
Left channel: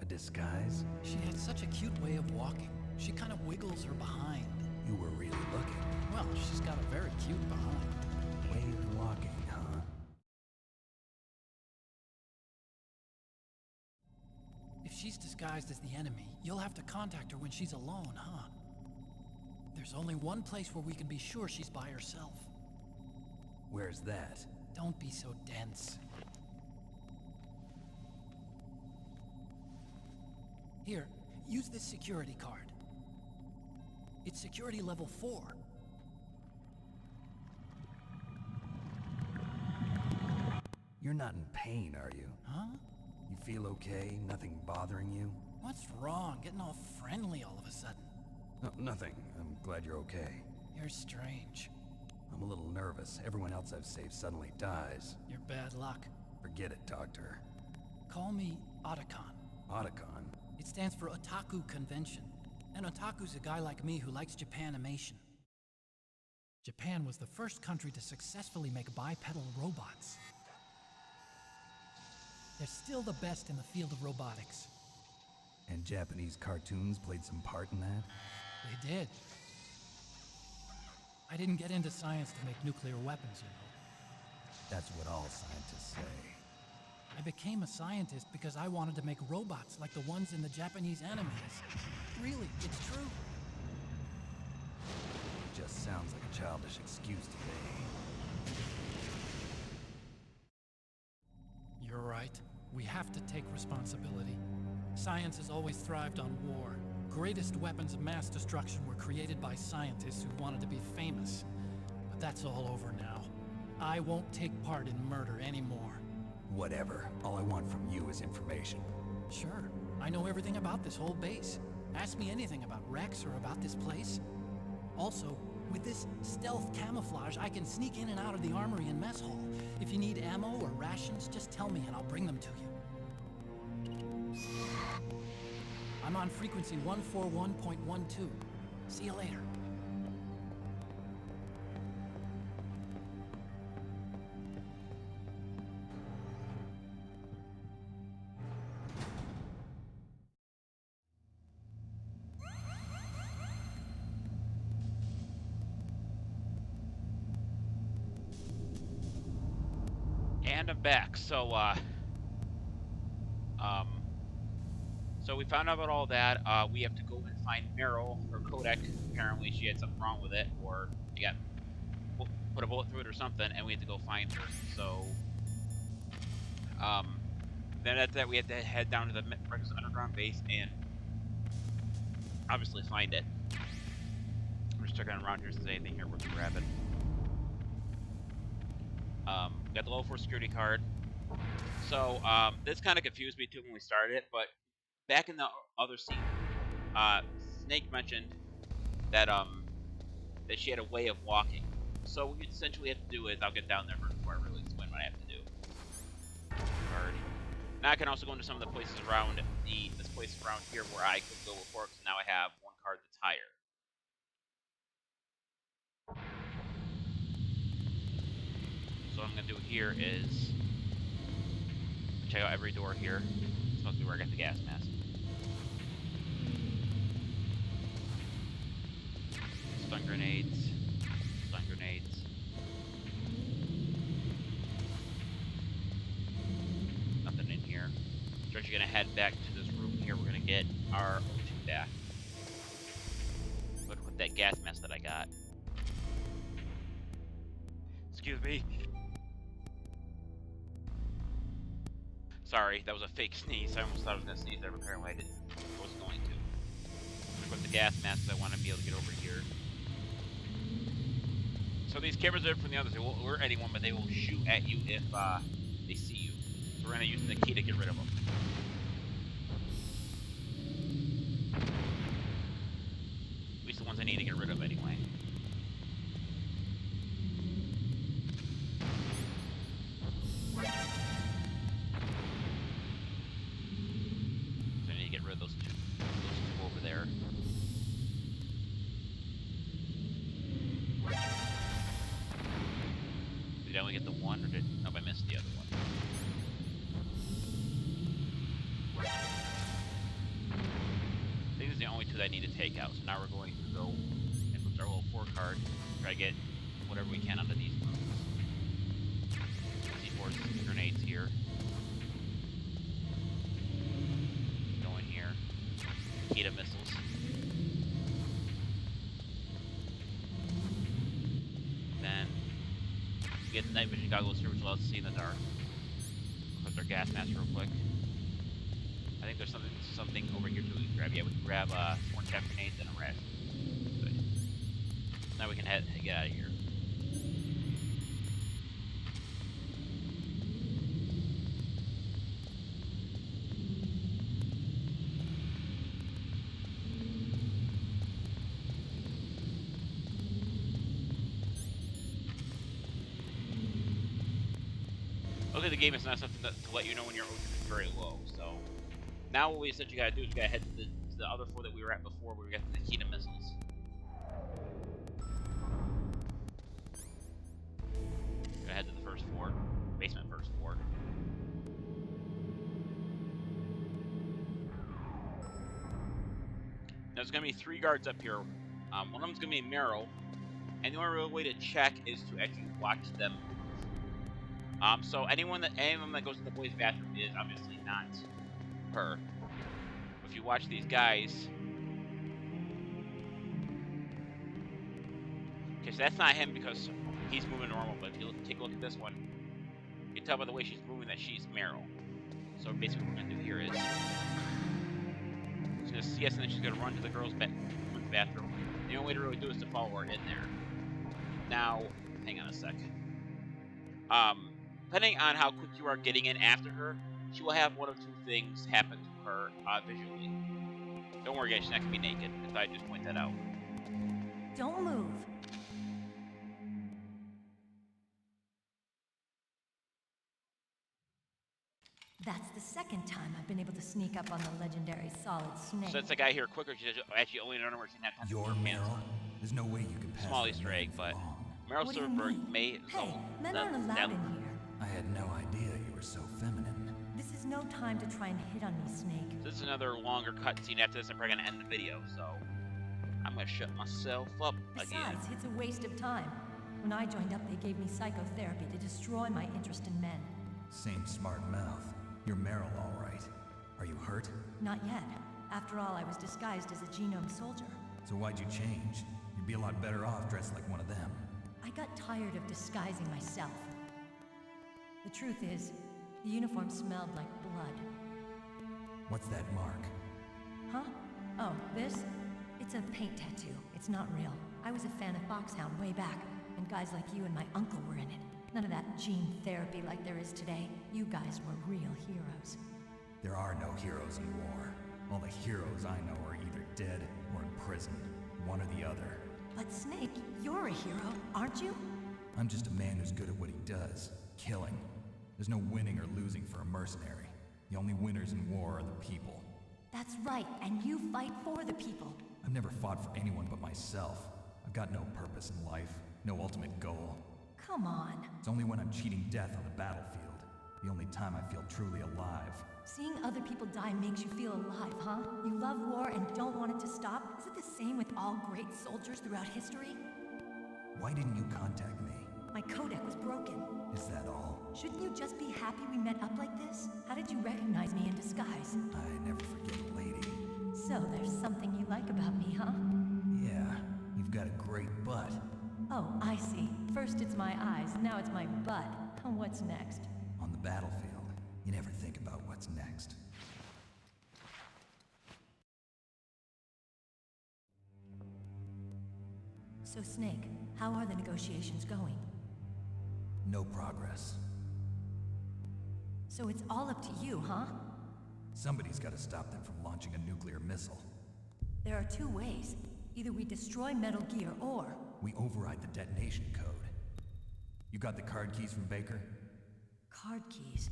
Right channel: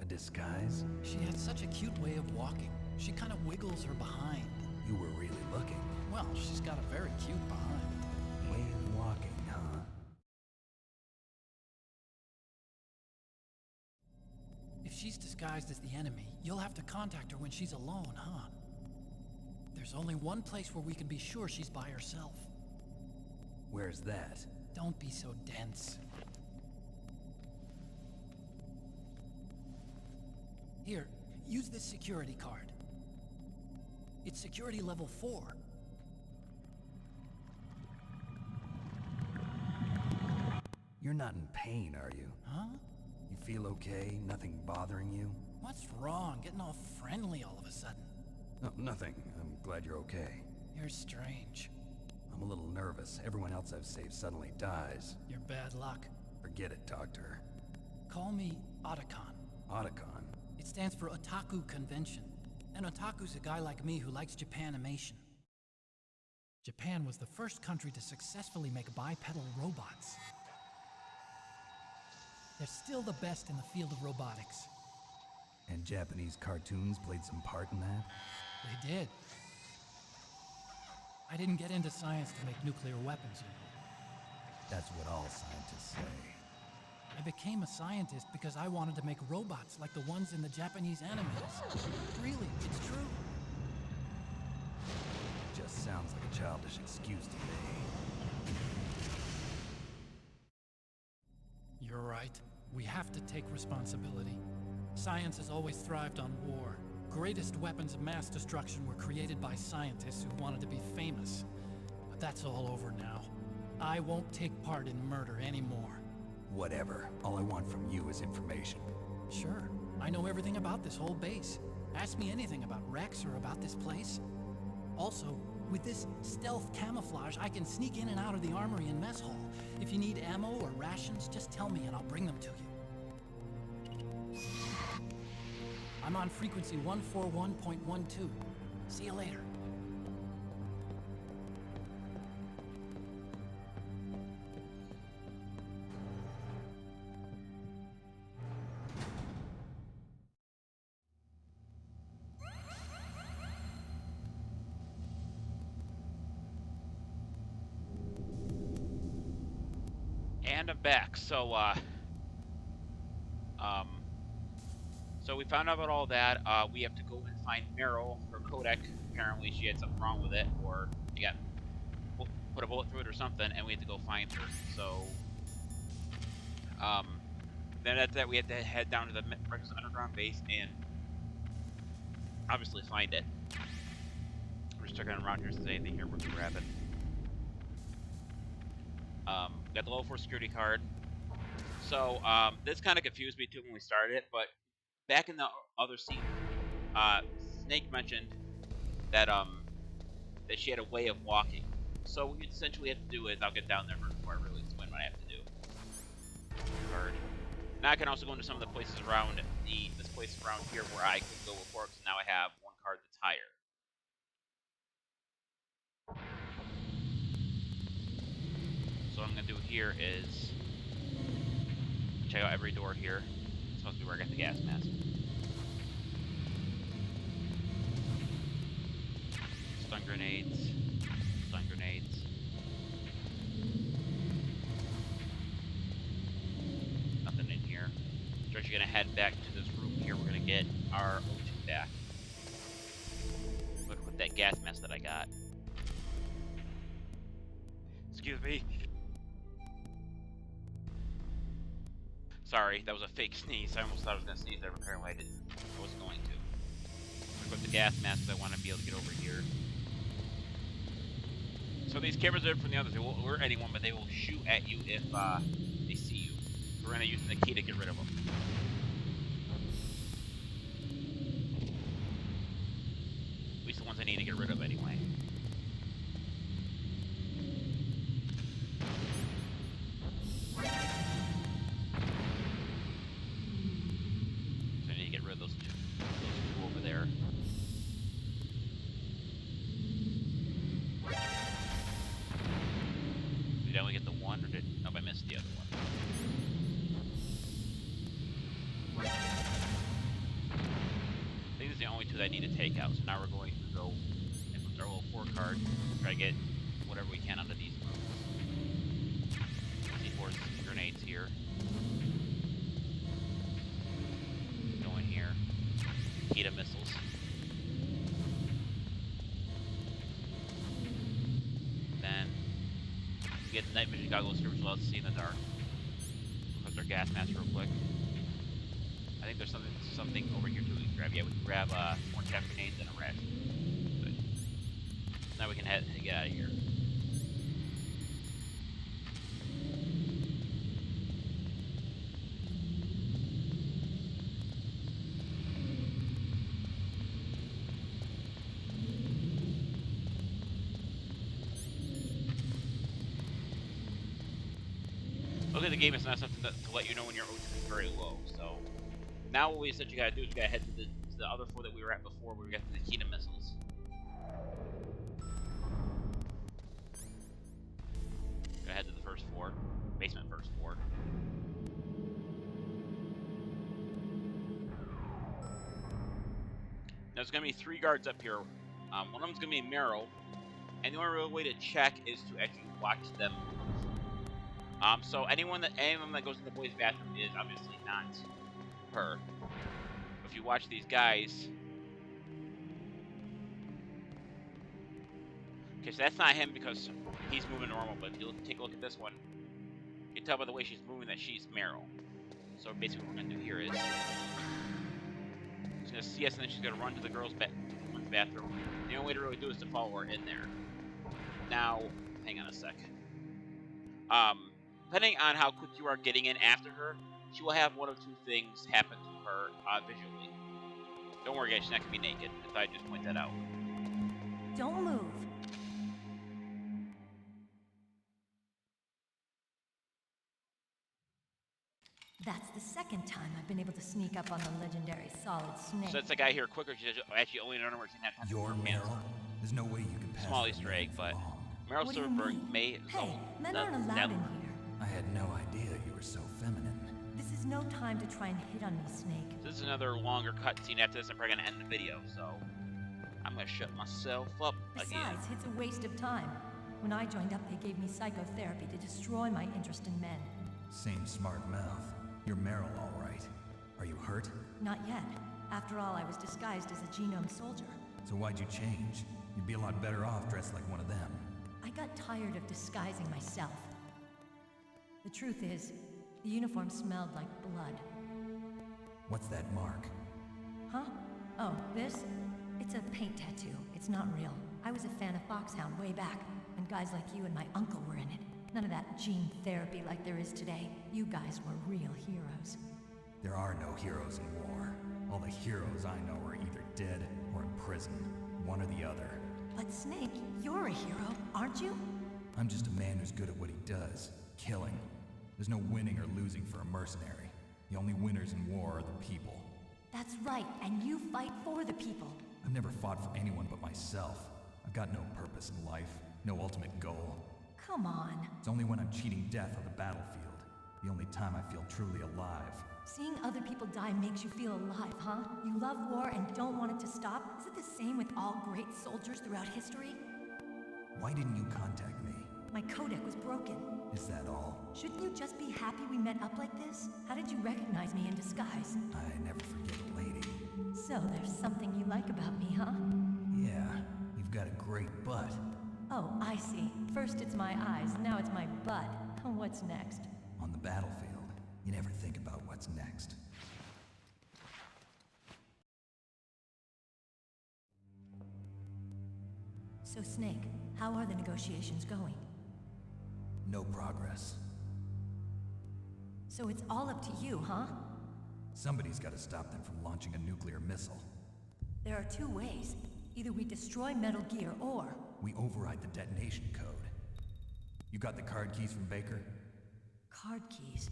A disguise? She had such a cute way of walking. She kind of wiggles her behind. You were really looking. Well, she's got a very cute behind. Way of walking, huh? If she's disguised as the enemy, you'll have to contact her when she's alone, huh? There's only one place where we can be sure she's by herself. Where's that? Don't be so dense. Here, use this security card. It's security level 4. You're not in pain, are you? Huh? You feel okay? Nothing bothering you? What's wrong? Getting all friendly all of a sudden. No, nothing. I'm glad you're okay. You're strange. I'm a little nervous. Everyone else I've saved suddenly dies. You're bad luck. Forget it, Doctor. Call me Otacon. Otacon? It stands for Otaku Convention. And otaku's a guy like me who likes Japanimation. Japan was the first country to successfully make bipedal robots. They're still the best in the field of robotics. And Japanese cartoons played some part in that? They did. I didn't get into science to make nuclear weapons, you know. That's what all scientists say. I became a scientist because I wanted to make robots like the ones in the Japanese animes. Really, it's true. Just sounds like a childish excuse to me. You're right. We have to take responsibility. Science has always thrived on war. Greatest weapons of mass destruction were created by scientists who wanted to be famous. But that's all over now. I won't take part in murder anymore. Whatever. All I want from you is information. Sure. I know everything about this whole base. Ask me anything about Rex or about this place. Also, with this stealth camouflage, I can sneak in and out of the armory and mess hall. If you need ammo or rations, just tell me and I'll bring them to you. I'm on frequency 141.12. See you later. And I'm back. So we found out about all that. We have to go and find Meryl, her codec. Apparently she had something wrong with it, or she got put a bullet through it or something, and we had to go find her. So, then after that we had to head down to the Rex underground base and obviously find it. I'm just checking around here if there's anything here worth grabbing. Got the level 4 security card. So, this kind of confused me too when we started it, but back in the other scene, Snake mentioned that that she had a way of walking. So what you essentially have to do is, I'll get down there first before I really explain what I have to do. Card. Now I can also go into some of the places around this place around here where I could go before, because now I have one card that's higher. So what I'm gonna do here is check out every door here. It's supposed to be where I got the gas mask. Stun grenades. Stun grenades. Nothing in here. So we're actually gonna head back to this room here. We're gonna get our O2 back. Look with that gas mask that I got. Excuse me. Sorry, that was a fake sneeze. I almost thought I was gonna sneeze there, but apparently I didn't. I wasn't going to. Equip the gas mask because I want to be able to get over here. So these cameras are from the others. They won't alert anyone, but they will shoot at you if they see you. So we're gonna use the key to get rid of them. At least the ones I need to get rid of anyway. So I need to get rid of those two over there. Did I only get the one, or did... Nope, I missed the other one. I think these are the only two that I need to take out, so now we're going to go and put our little 4 card, try to get whatever we can out of these moves. C4's grenades here. Go in here. Kita missiles. Then we get the night vision goggles here, which allows us to see in the dark. We'll put our gas mask real quick. I think there's something over here too we can grab. Yeah, we can grab some more chaff grenades and a ration. Good. Now we can get out of here. Okay, the game is not something to let you know when your ocean is very low, so now what we essentially gotta do is we gotta head to the other 4 that we were at before, where we got the Kita missiles. Gotta head to the first 4, basement first 4. Now there's gonna be 3 guards up here. One of them's gonna be Meryl, and the only real way to check is to actually watch them move. So anyone that goes in the boys' bathroom is obviously not her. If you watch these guys, okay, so that's not him because he's moving normal. But if you take a look at this one, you can tell by the way she's moving that she's Meryl. So basically, what we're gonna do here is she's gonna see us, and then she's gonna run to the women's bathroom. The only way to really do it is to follow her in there. Now, hang on a sec. Depending on how quick you are getting in after her, she will have one of 2 things happen to her visually. Don't worry, guys, she's not going to be naked. I thought I'd just point that out. Don't move. That's the second time I've been able to sneak up on the legendary Solid Snake. So that's the guy here quicker. She's actually only done where she didn't have time. You're Meryl? There's no way you could pass. Small Easter egg, but Meryl What do you Silverberg mean? may... Hey, men aren't allowed in here. I had no idea you were so feminine. This is no time to try and hit on me, Snake. This is another longer cutscene. After this, I'm probably going to end the video, so... I'm going to shut myself up again. Besides, it's a waste of time. When I joined up, they gave me psychotherapy to destroy my interest in men. Same smart mouth. You're Meryl, all right. Are you hurt? Not yet. After all, I was disguised as a genome soldier. So why'd you change? You'd be a lot better off dressed like one of them. I got tired of disguising myself. The truth is, the uniform smelled like blood. What's that mark? Huh? Oh, this? It's a paint tattoo. It's not real. I was a fan of Foxhound way back, when guys like you and my uncle were in it. None of that gene therapy like there is today. You guys were real heroes. There are no heroes in war. All the heroes I know are either dead or in prison. One or the other. But Snake, you're a hero, aren't you? I'm just a man who's good at what he does. Killing. There's no winning or losing for a mercenary. The only winners in war are the people. That's right, and you fight for the people. I've never fought for anyone but myself. I've got no purpose in life, no ultimate goal. Come on. It's only when I'm cheating death on the battlefield. The only time I feel truly alive. Seeing other people die makes you feel alive, huh? You love war and don't want it to stop? Is it the same with all great soldiers throughout history? Why didn't you contact me? My codec was broken. Is that all? Shouldn't you just be happy we met up like this? How did you recognize me in disguise? I never forget a lady. So there's something you like about me, huh? Yeah, you've got a great butt. Oh, I see. First it's my eyes, now it's my butt. What's next? On the battlefield, you never think about what's next. So Snake, how are the negotiations going? No progress. So it's all up to you, huh? Somebody's got to stop them from launching a nuclear missile. There are two ways. Either we destroy Metal Gear, or... We override the detonation code. You got the card keys from Baker? Card keys?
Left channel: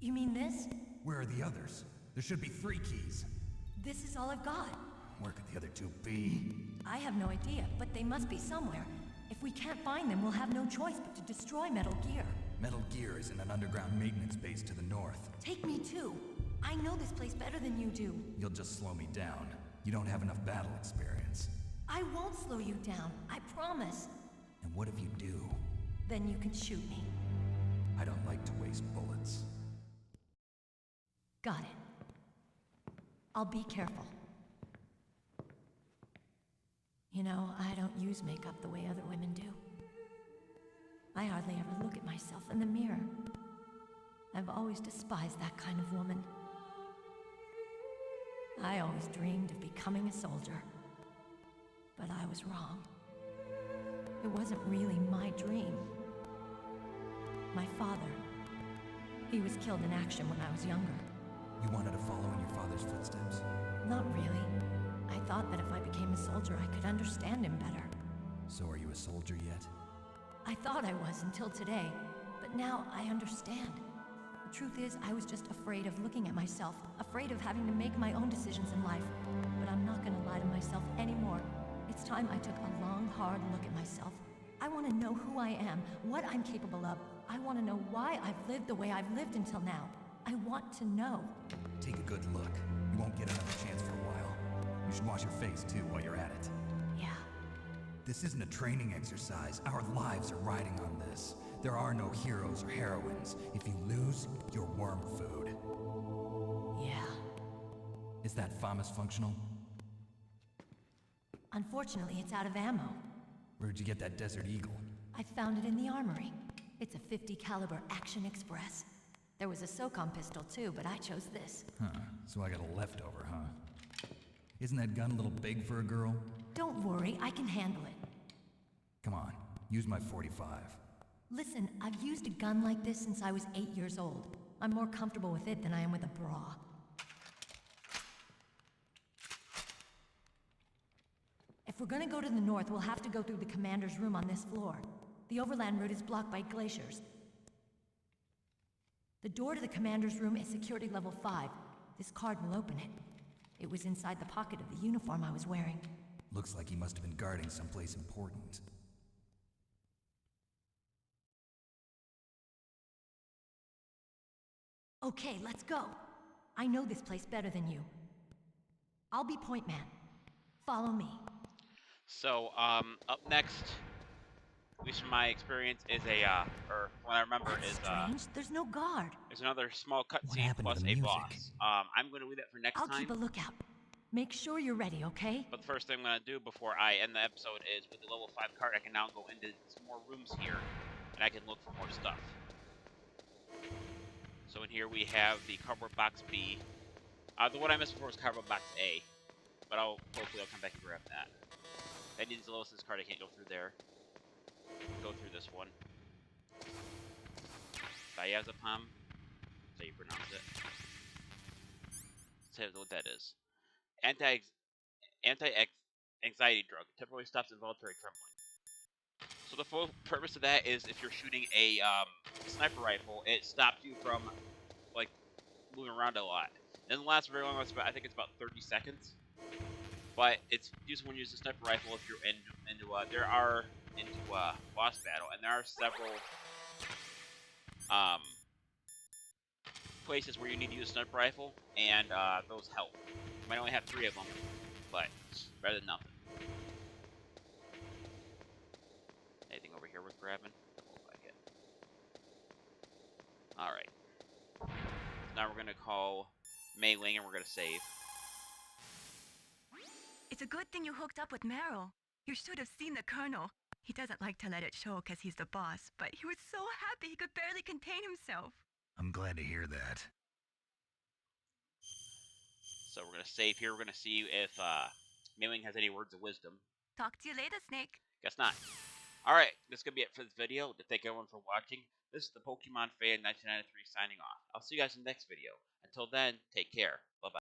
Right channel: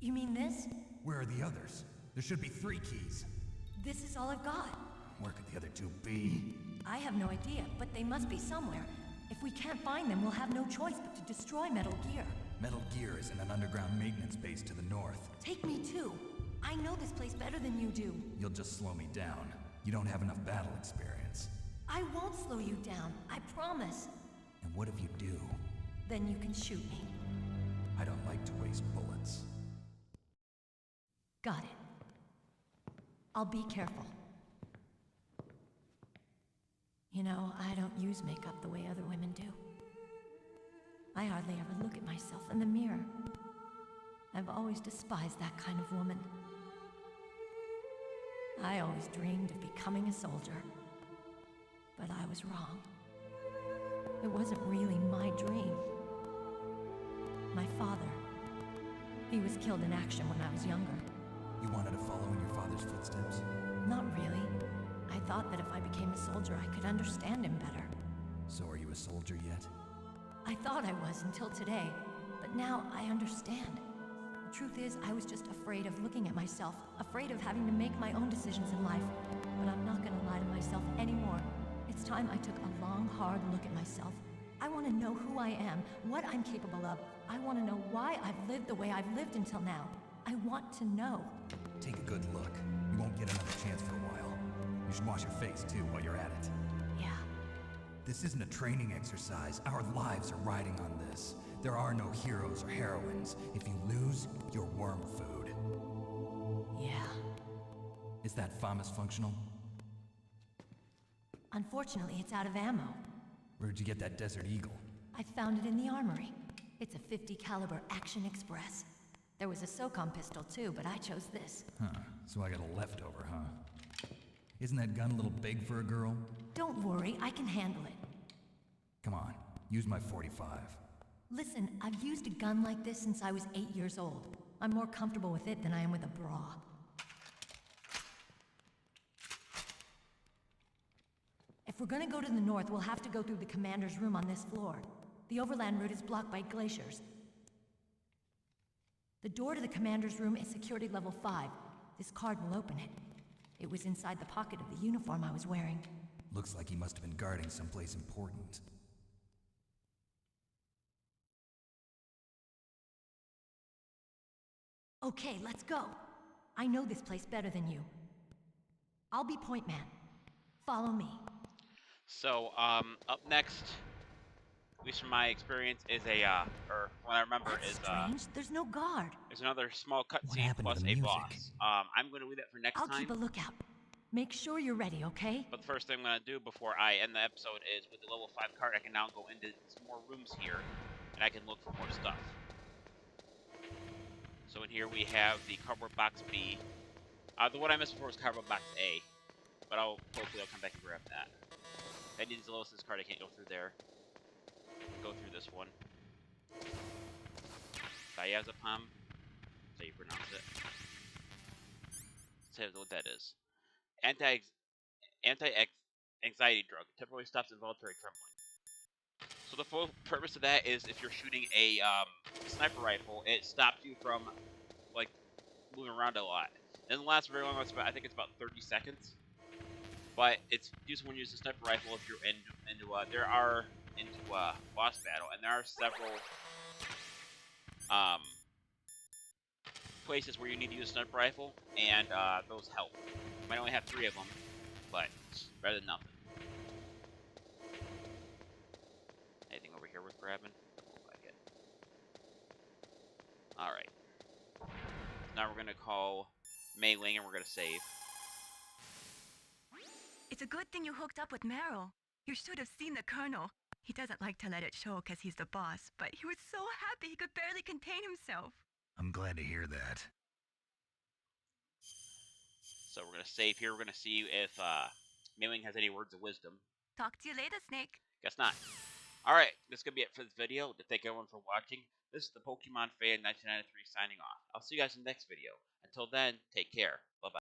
You mean this? Where are the others? There should be 3 keys. This is all I've got. Where could the other 2 be? I have no idea, but they must be somewhere. If we can't find them, we'll have no choice but to destroy Metal Gear. Metal Gear is in an underground maintenance base to the north. Take me too. I know this place better than you do. You'll just slow me down. You don't have enough battle experience. I won't slow you down, I promise. And what if you do? Then you can shoot me. I don't like to waste bullets. Got it. I'll be careful. You know, I don't use makeup the way other women do. I hardly ever look at myself in the mirror. I've always despised that kind of woman. I always dreamed of becoming a soldier. But I was wrong. It wasn't really my dream. My father, he was killed in action when I was younger. You wanted to follow in your father's footsteps? Not really. I thought that if I became a soldier, I could understand him better. So are you a soldier yet? I thought I was until today, but now I understand. The truth is, I was just afraid of looking at myself, afraid of having to make my own decisions in life. But I'm not gonna lie to myself anymore. It's time I took a long, hard look at myself. I want to know who I am, what I'm capable of. I want to know why I've lived the way I've lived until now. I want to know. Take a good look. You won't get another chance for a while. You should wash your face, too, while you're at it. Yeah. This isn't a training exercise. Our lives are riding on this. There are no heroes or heroines. If you lose, you're worm food. Yeah. Is that FAMAS functional? Unfortunately, it's out of ammo. Where'd you get that Desert Eagle? I found it in the armory. It's a .50 caliber Action Express. There was a SOCOM pistol too, but I chose this. Huh, so I got a leftover, huh? Isn't that gun a little big for a girl? Don't worry, I can handle it. Come on, use my .45. Listen, I've used a gun like this since I was 8 years old. I'm more comfortable with it than I am with a bra. If we're gonna go to the north, we'll have to go through the commander's room on this floor. The overland route is blocked by glaciers. The door to the commander's room is security level 5. This card will open it. It was inside the pocket of the uniform I was wearing. Looks like he must have been guarding someplace important. Okay, let's go. I know this place better than you. I'll be point man. Follow me. So, up next, at least from my experience, is or what I remember That's is, strange. There's no guard. there's another small What cutscene happened to plus the a music? boss. I'm going to leave that for next I'll time. keep a lookout. Make sure you're ready, okay? But the first thing I'm going to do before I end the episode is, with the level 5 card, I can now go into some more rooms here, and I can look for more stuff. So in here we have the cardboard box B. The one I missed before was cardboard box A, but hopefully I'll come back and grab that. If I need the Lois's card, I can't go through there. Go through this one. Diazepam. That's how you pronounce it. Let's see what that is. Anti-anxiety drug. Temporarily stops involuntary trembling. So the full purpose of that is if you're shooting a sniper rifle, it stops you from like moving around a lot. It doesn't last very long. I think it's about 30 seconds. But it's useful when you use a sniper rifle if you're into boss battle, and there are several places where you need to use a sniper rifle, and those help. You might only have 3 of them, but better than nothing. Anything over here worth grabbing? Doesn't look like it. Alright. Now we're gonna call Mei Ling and we're gonna save. It's a good thing you hooked up with Meryl. You should have seen the Colonel. He doesn't like to let it show because he's the boss, but he was so happy he could barely contain himself. I'm glad to hear that. So we're gonna save here. We're gonna see if Mei Ling has any words of wisdom. Talk to you later, Snake. Guess not. Alright, this is going to be it for this video. Thank everyone for watching. This is the Pokemon Fan 1993 signing off. I'll see you guys in the next video. Until then, take care. Bye-bye.